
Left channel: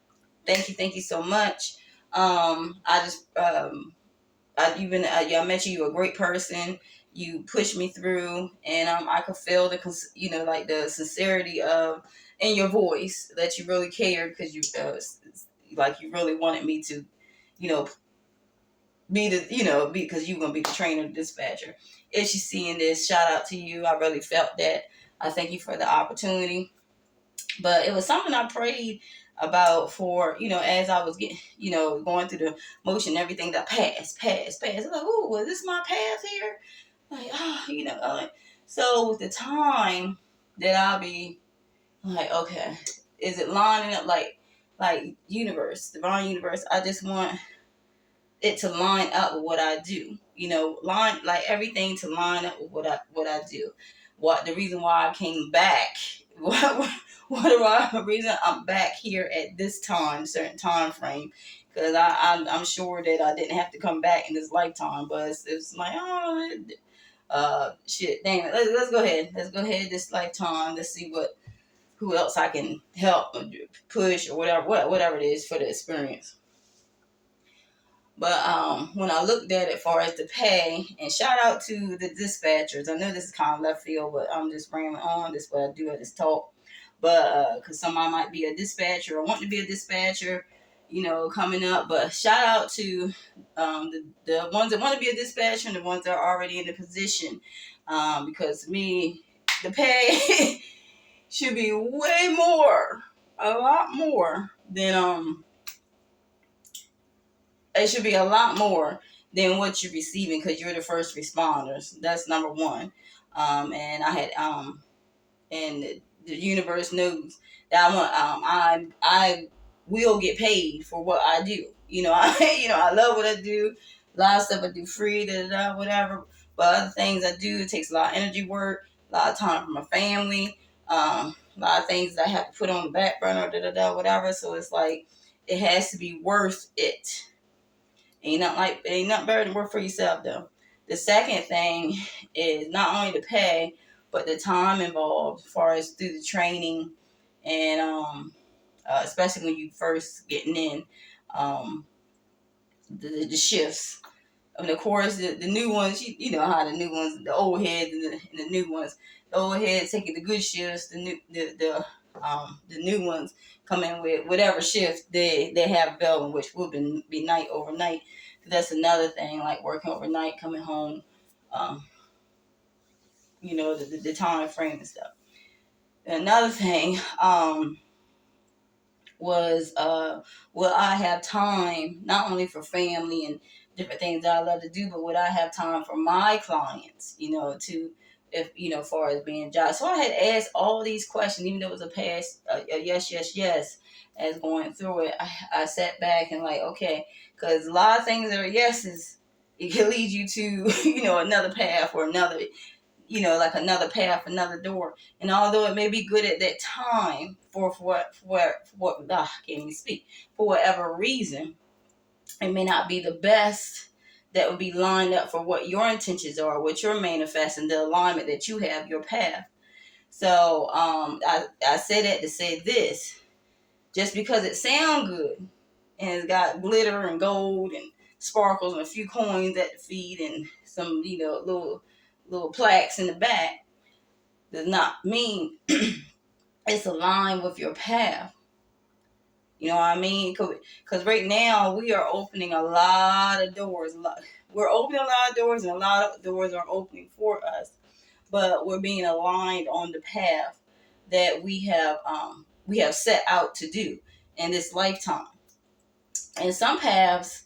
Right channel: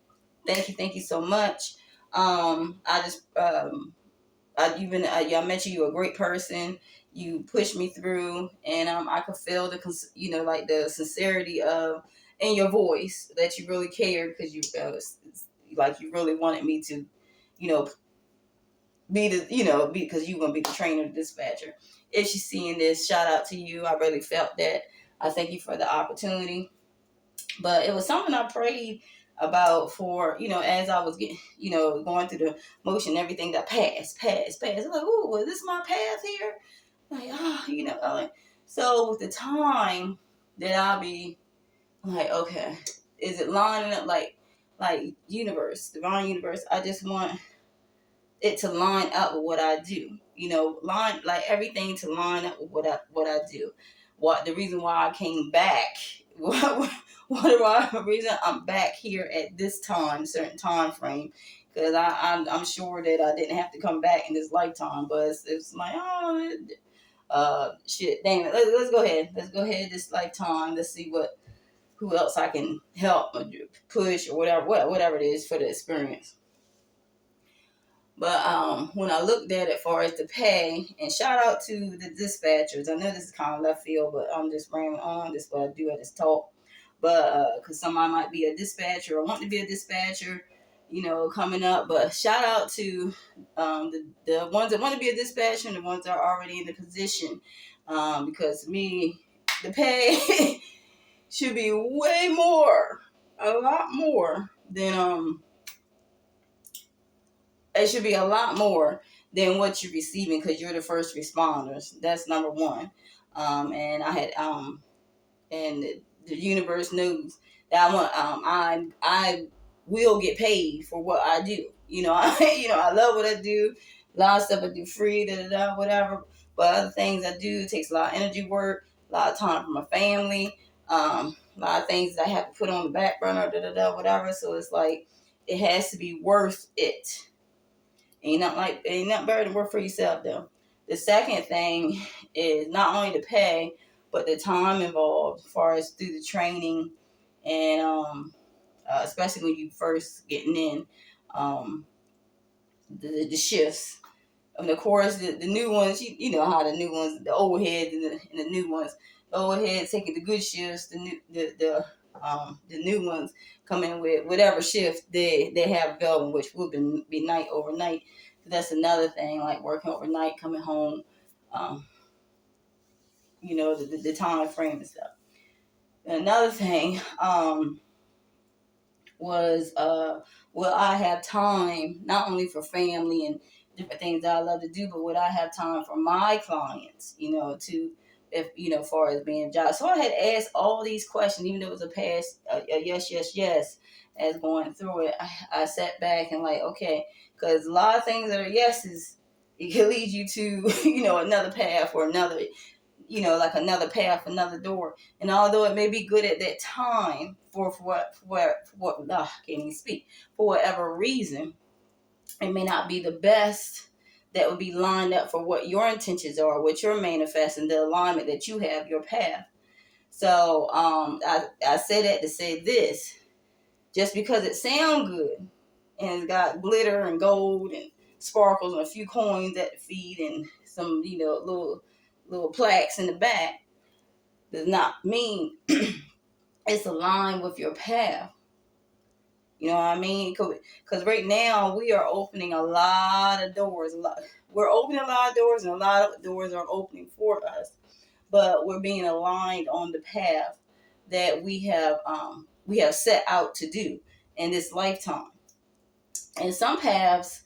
Thank you so much. I mentioned you're a great person. You pushed me through, and I could feel the sincerity of in your voice that you really cared because you really wanted me to, because you're gonna be the trainer, the dispatcher. If she's seeing this, shout out to you. I really felt that. I thank you for the opportunity. But it was something I prayed about for, as I was getting, going through the motion, everything that passed. I was like, oh, was this my path here? Like, so with the time that I'll be like, okay, is it lining up like divine universe? I just want it to line up with what I do, line like everything to line up with what I do. what the reason why I came back. What the reason I'm back here at this time, certain time frame, because I'm sure that I didn't have to come back in this lifetime, but it's like, oh, shit, dang it. Let's go ahead. Let's go ahead this lifetime. Let's see who else I can help or push or whatever it is for the experience. But when I looked at it as far as the pay, and shout out to the dispatchers. I know this is kind of left field, but I'm just rambling on. This is what I do at this talk. But because somebody might be a dispatcher or want to be a dispatcher, coming up. But shout out to the ones that want to be a dispatcher and the ones that are already in the position. Because to me, the pay should be way more, a lot more than it should be a lot more than what you're receiving because you're the first responders. That's number one. And I had and the universe knows that I will get paid for what I do. I love what I do. A lot of stuff I do free, whatever. But other things I do, it takes a lot of energy work, a lot of time for my family, a lot of things that I have to put on the back burner, whatever. So it's like it has to be worth it. Ain't nothing better than work for yourself though. The second thing is not only the pay, but the time involved as far as through the training and especially when you first getting in the shifts. And of course the new ones, you know how the new ones, the old heads and the new ones, the old heads taking the good shifts, the new ones come in with whatever shift they have available, which will be night overnight. That's another thing, like working overnight, coming home, the time frame and stuff. Another thing was will I have time not only for family and different things that I love to do, but would I have time for my clients, to if as far as being job. So I had asked all these questions, even though it was a past a yes as going through it. I sat back and like, okay, because a lot of things that are yeses, it can lead you to another path or another like another path, another door. And although it may be good at that time for what I can't even speak, for whatever reason, it may not be the best that would be lined up for what your intentions are, what you're manifesting, the alignment that you have, your path. So I say that to say this, just because it sounds good and it's got glitter and gold and sparkles and a few coins at the feet and some little plaques in the back, does not mean it's aligned with your path. You know what I mean? Because right now we are opening a lot of doors. We're opening a lot of doors, and a lot of doors are opening for us. But we're being aligned on the path that we have set out to do in this lifetime. And some paths,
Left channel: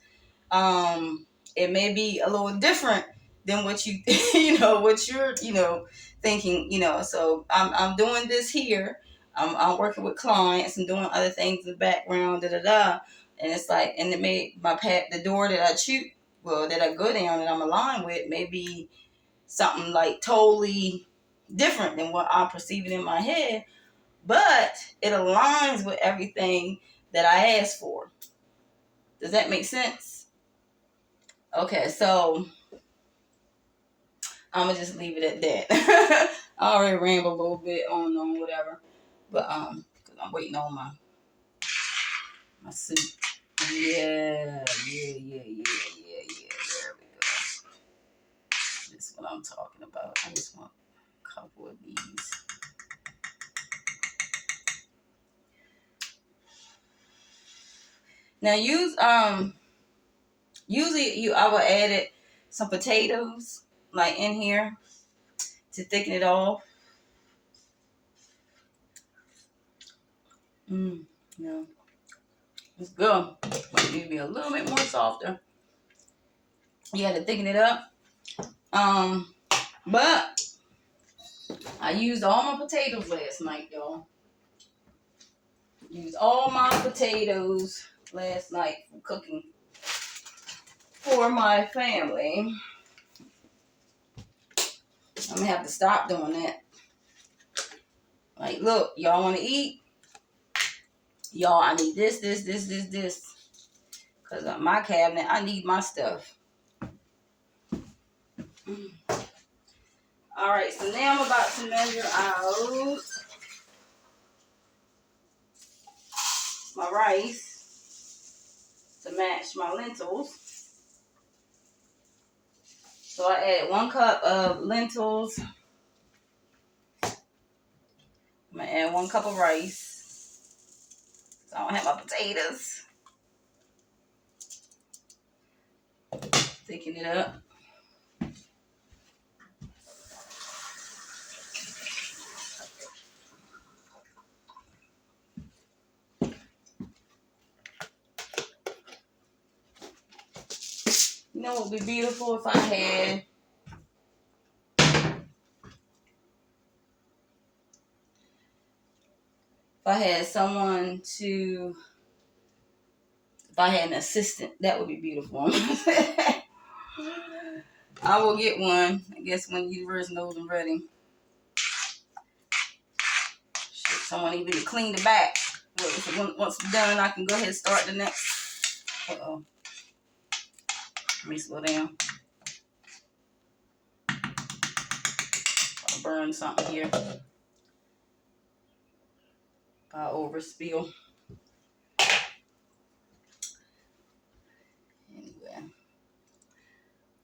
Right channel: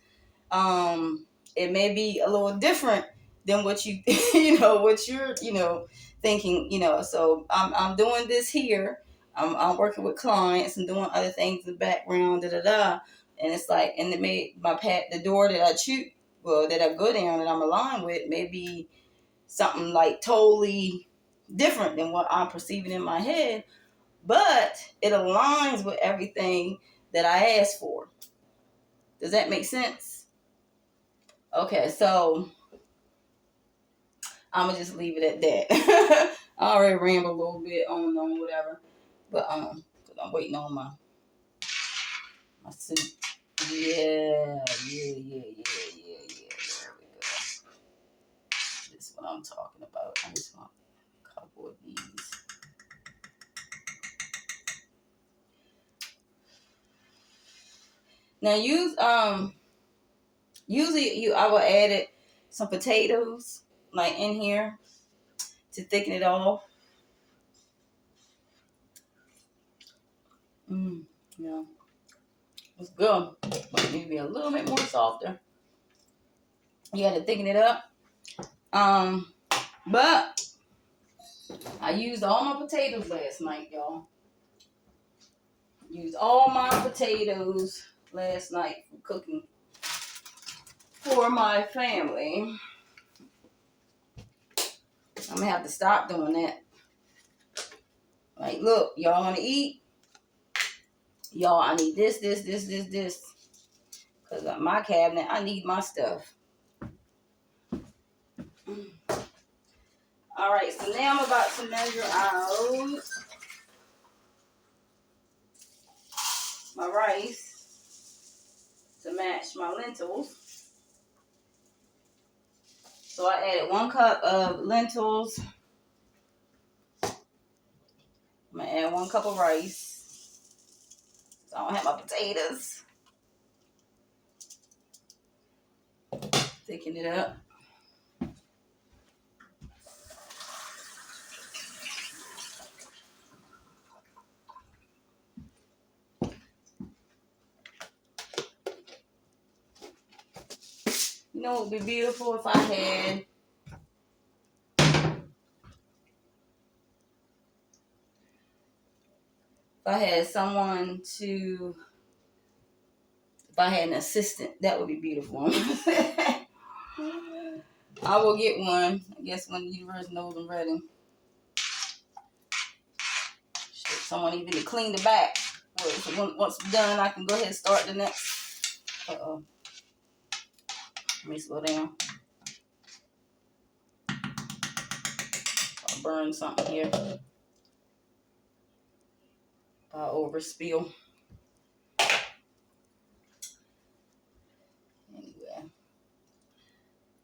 it may be a little different than what you what you're thinking. So I'm doing this here. I'm working with clients and doing other things in the background, and it's like, and it made my path, the door that I choose, that I go down and I'm aligned with, may be something like totally different than what I'm perceiving in my head, but it aligns with everything that I asked for. Does that make sense? Okay, so I'm gonna just leave it at that. I already rambled a little bit on whatever, but because I'm waiting on my suit. Yeah. There we go. This is what I'm talking about. I just want a couple of these. Now usually I would add some potatoes like in here to thicken it off. Yeah. It's good. But it need to be a little bit more softer. You had to thicken it up. But I used all my potatoes last night, y'all. Used all my potatoes last night for cooking for my family. I'm gonna have to stop doing that Like, look, y'all want to eat? Y'all, I need this. Because my cabinet, I need my stuff. All right, so now I'm about to measure out my rice to match my lentils. So I added 1 cup of lentils. I'm going to add 1 cup of rice. So I don't have my potatoes. Thicken it up. You know what would be beautiful if I had someone to, if I had an assistant, that would be beautiful. I will get one, I guess, when the universe knows I'm ready. Someone even to clean the back. Once it's done, I can go ahead and start the next. Uh-oh. Let me slow down. I'll burn something here. I'll overspill. Anyway.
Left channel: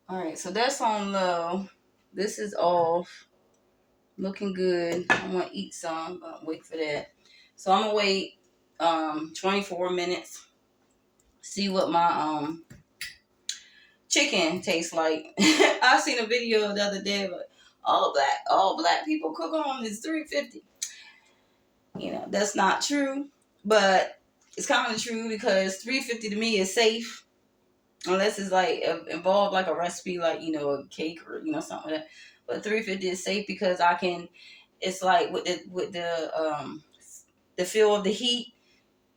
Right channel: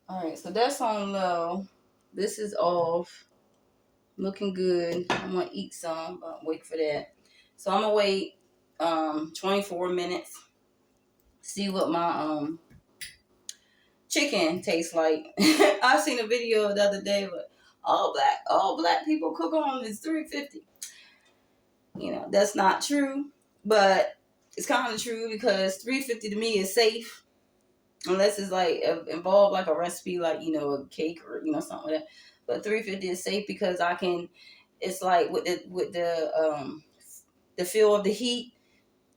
Alright, so that's on low. This is off. Looking good. I'm going to eat some, but wait for that. So I'm going to wait 24 minutes. See what my chicken tastes like. I seen a video the other day, but all black people cook on is $3.50. You know, that's not true, but it's kind of true because $3.50 to me is safe, unless it's like involved like a recipe, like, you know, a cake or, you know, something like that. But $3.50 is safe because I can. It's like with the feel of the heat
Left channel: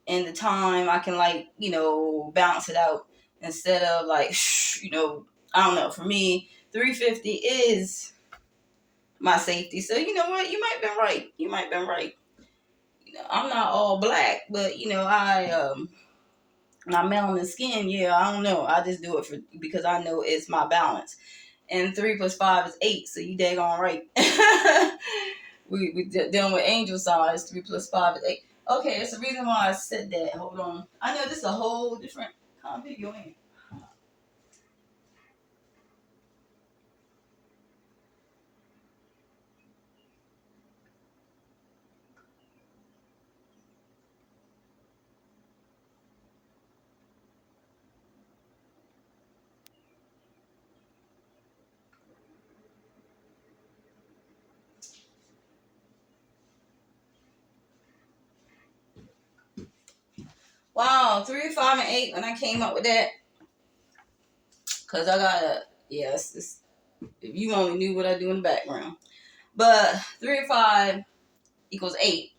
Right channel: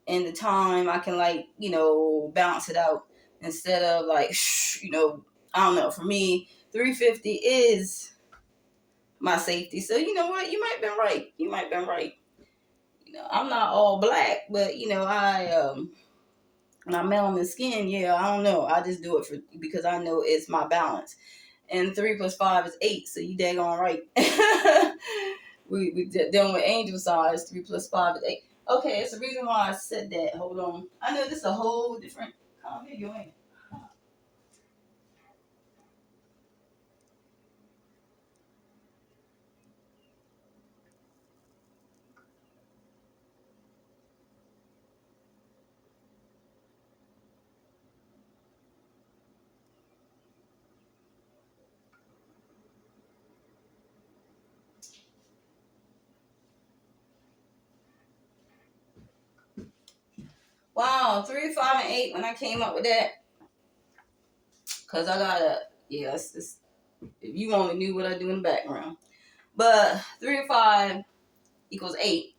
and the time, I can, like, you know, bounce it out instead of like, you know, I don't know. For me, $3.50 is my safety. So you know what? You might have been right. You might have been right. You know, I'm not all black, but you know, my melanin skin. Yeah, I don't know. I just do it because I know it's my balance. And 3 + 5 is 8. So you daggone right. we dealing with angel size. 3 + 5 is 8. Okay, it's the reason why I said that. Hold on. I know this is a whole different kind of video, ain't it? Wow, 3, 5, and 8 when I came up with that. Because I got to, yes, if you only knew what I do in the background. But 3 and 5 equals 8.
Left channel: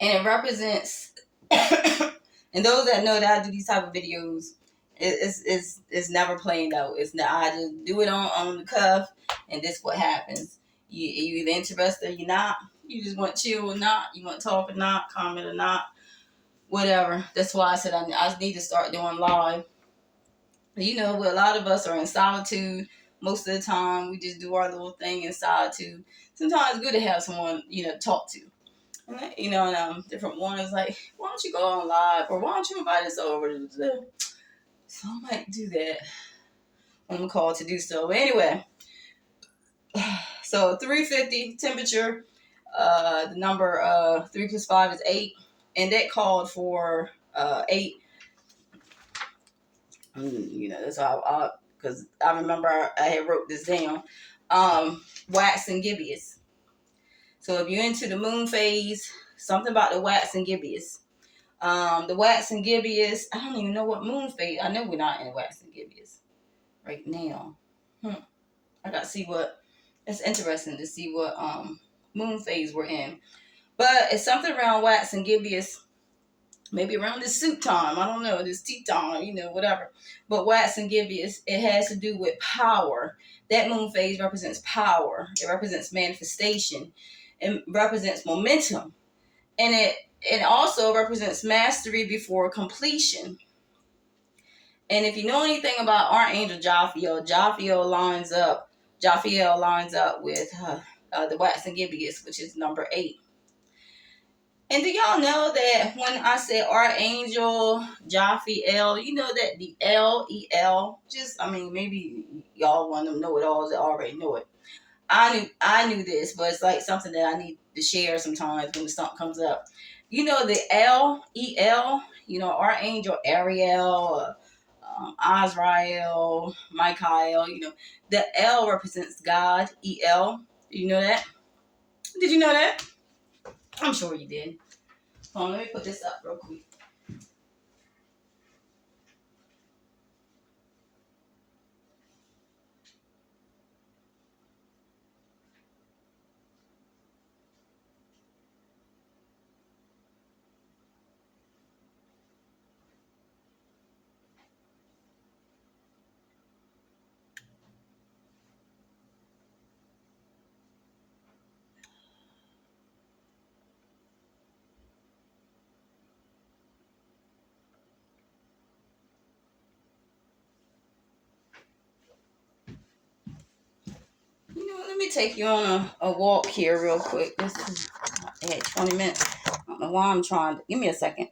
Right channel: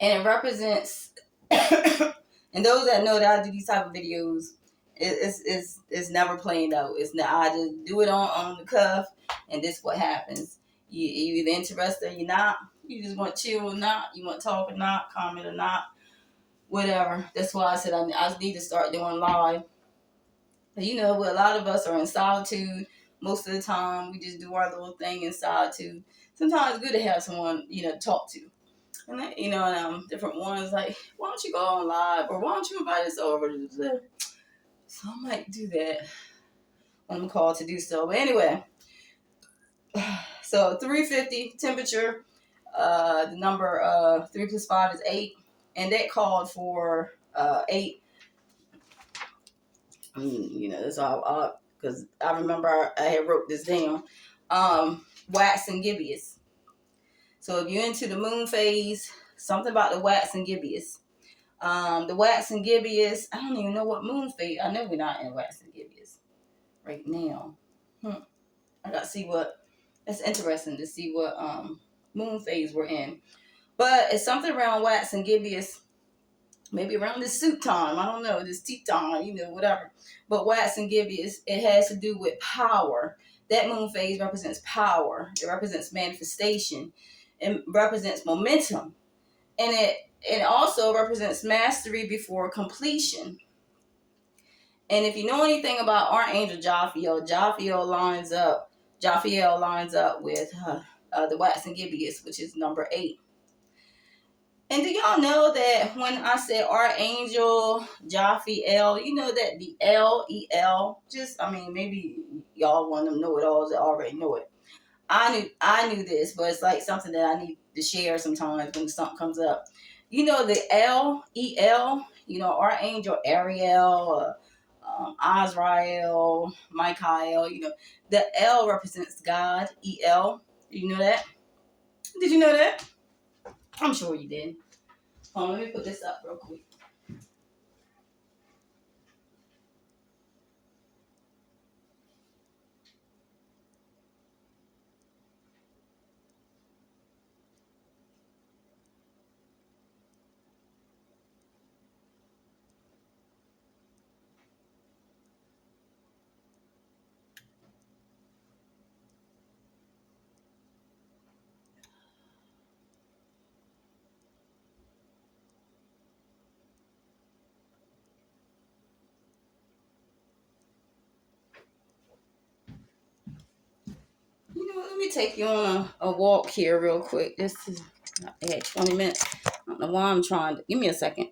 And it represents, and those that know that I do these type of videos, it's never planned out. It's not, I just do it on the cuff, and this what happens. You either interested or you're not. You just want chill or not. You want talk or not, comment or not, whatever. That's why I said I need to start doing live. You know, a lot of us are in solitude most of the time. We just do our little thing in solitude. Sometimes it's good to have someone, you know, to talk to. And, you know, and different ones like, why don't you go on live? Or why don't you invite us over? So I might do that when I'm called to do so. But anyway, so 350 temperature. The number 3 + 5 is 8. And that called for 8. You know, that's how because I remember I had wrote this down. Wax and gibbous. So if you're into the moon phase, something about the wax and gibbous. The wax and gibbous, I don't even know what moon phase. I know we're not in wax and gibbous right now. I got to see what. It's interesting to see what moon phase we're in. But it's something around wax and gibbous. Maybe around this suit time, I don't know, this tea time, you know, whatever. But wax and gibbous, it has to do with power. That moon phase represents power. It represents manifestation. It represents momentum. And it also represents mastery before completion. And if you know anything about Archangel Jophiel, Jophiel lines up with the waxen gibeus, which is number 8. And do y'all know that when I say Archangel Jophiel, you know that the L-E-L, maybe y'all want to know it all that already know it. I knew this, but it's like something that I need to share sometimes when something comes up. You know the L-E-L, Archangel Ariel, Azrael, Michael, the L represents God, E-L. You know that? Did you know that? I'm sure you did. Hold on, let me put this up real quick. Let me take you on a walk here real quick. This is 20 minutes. I don't know why I'm trying to. Give me a second.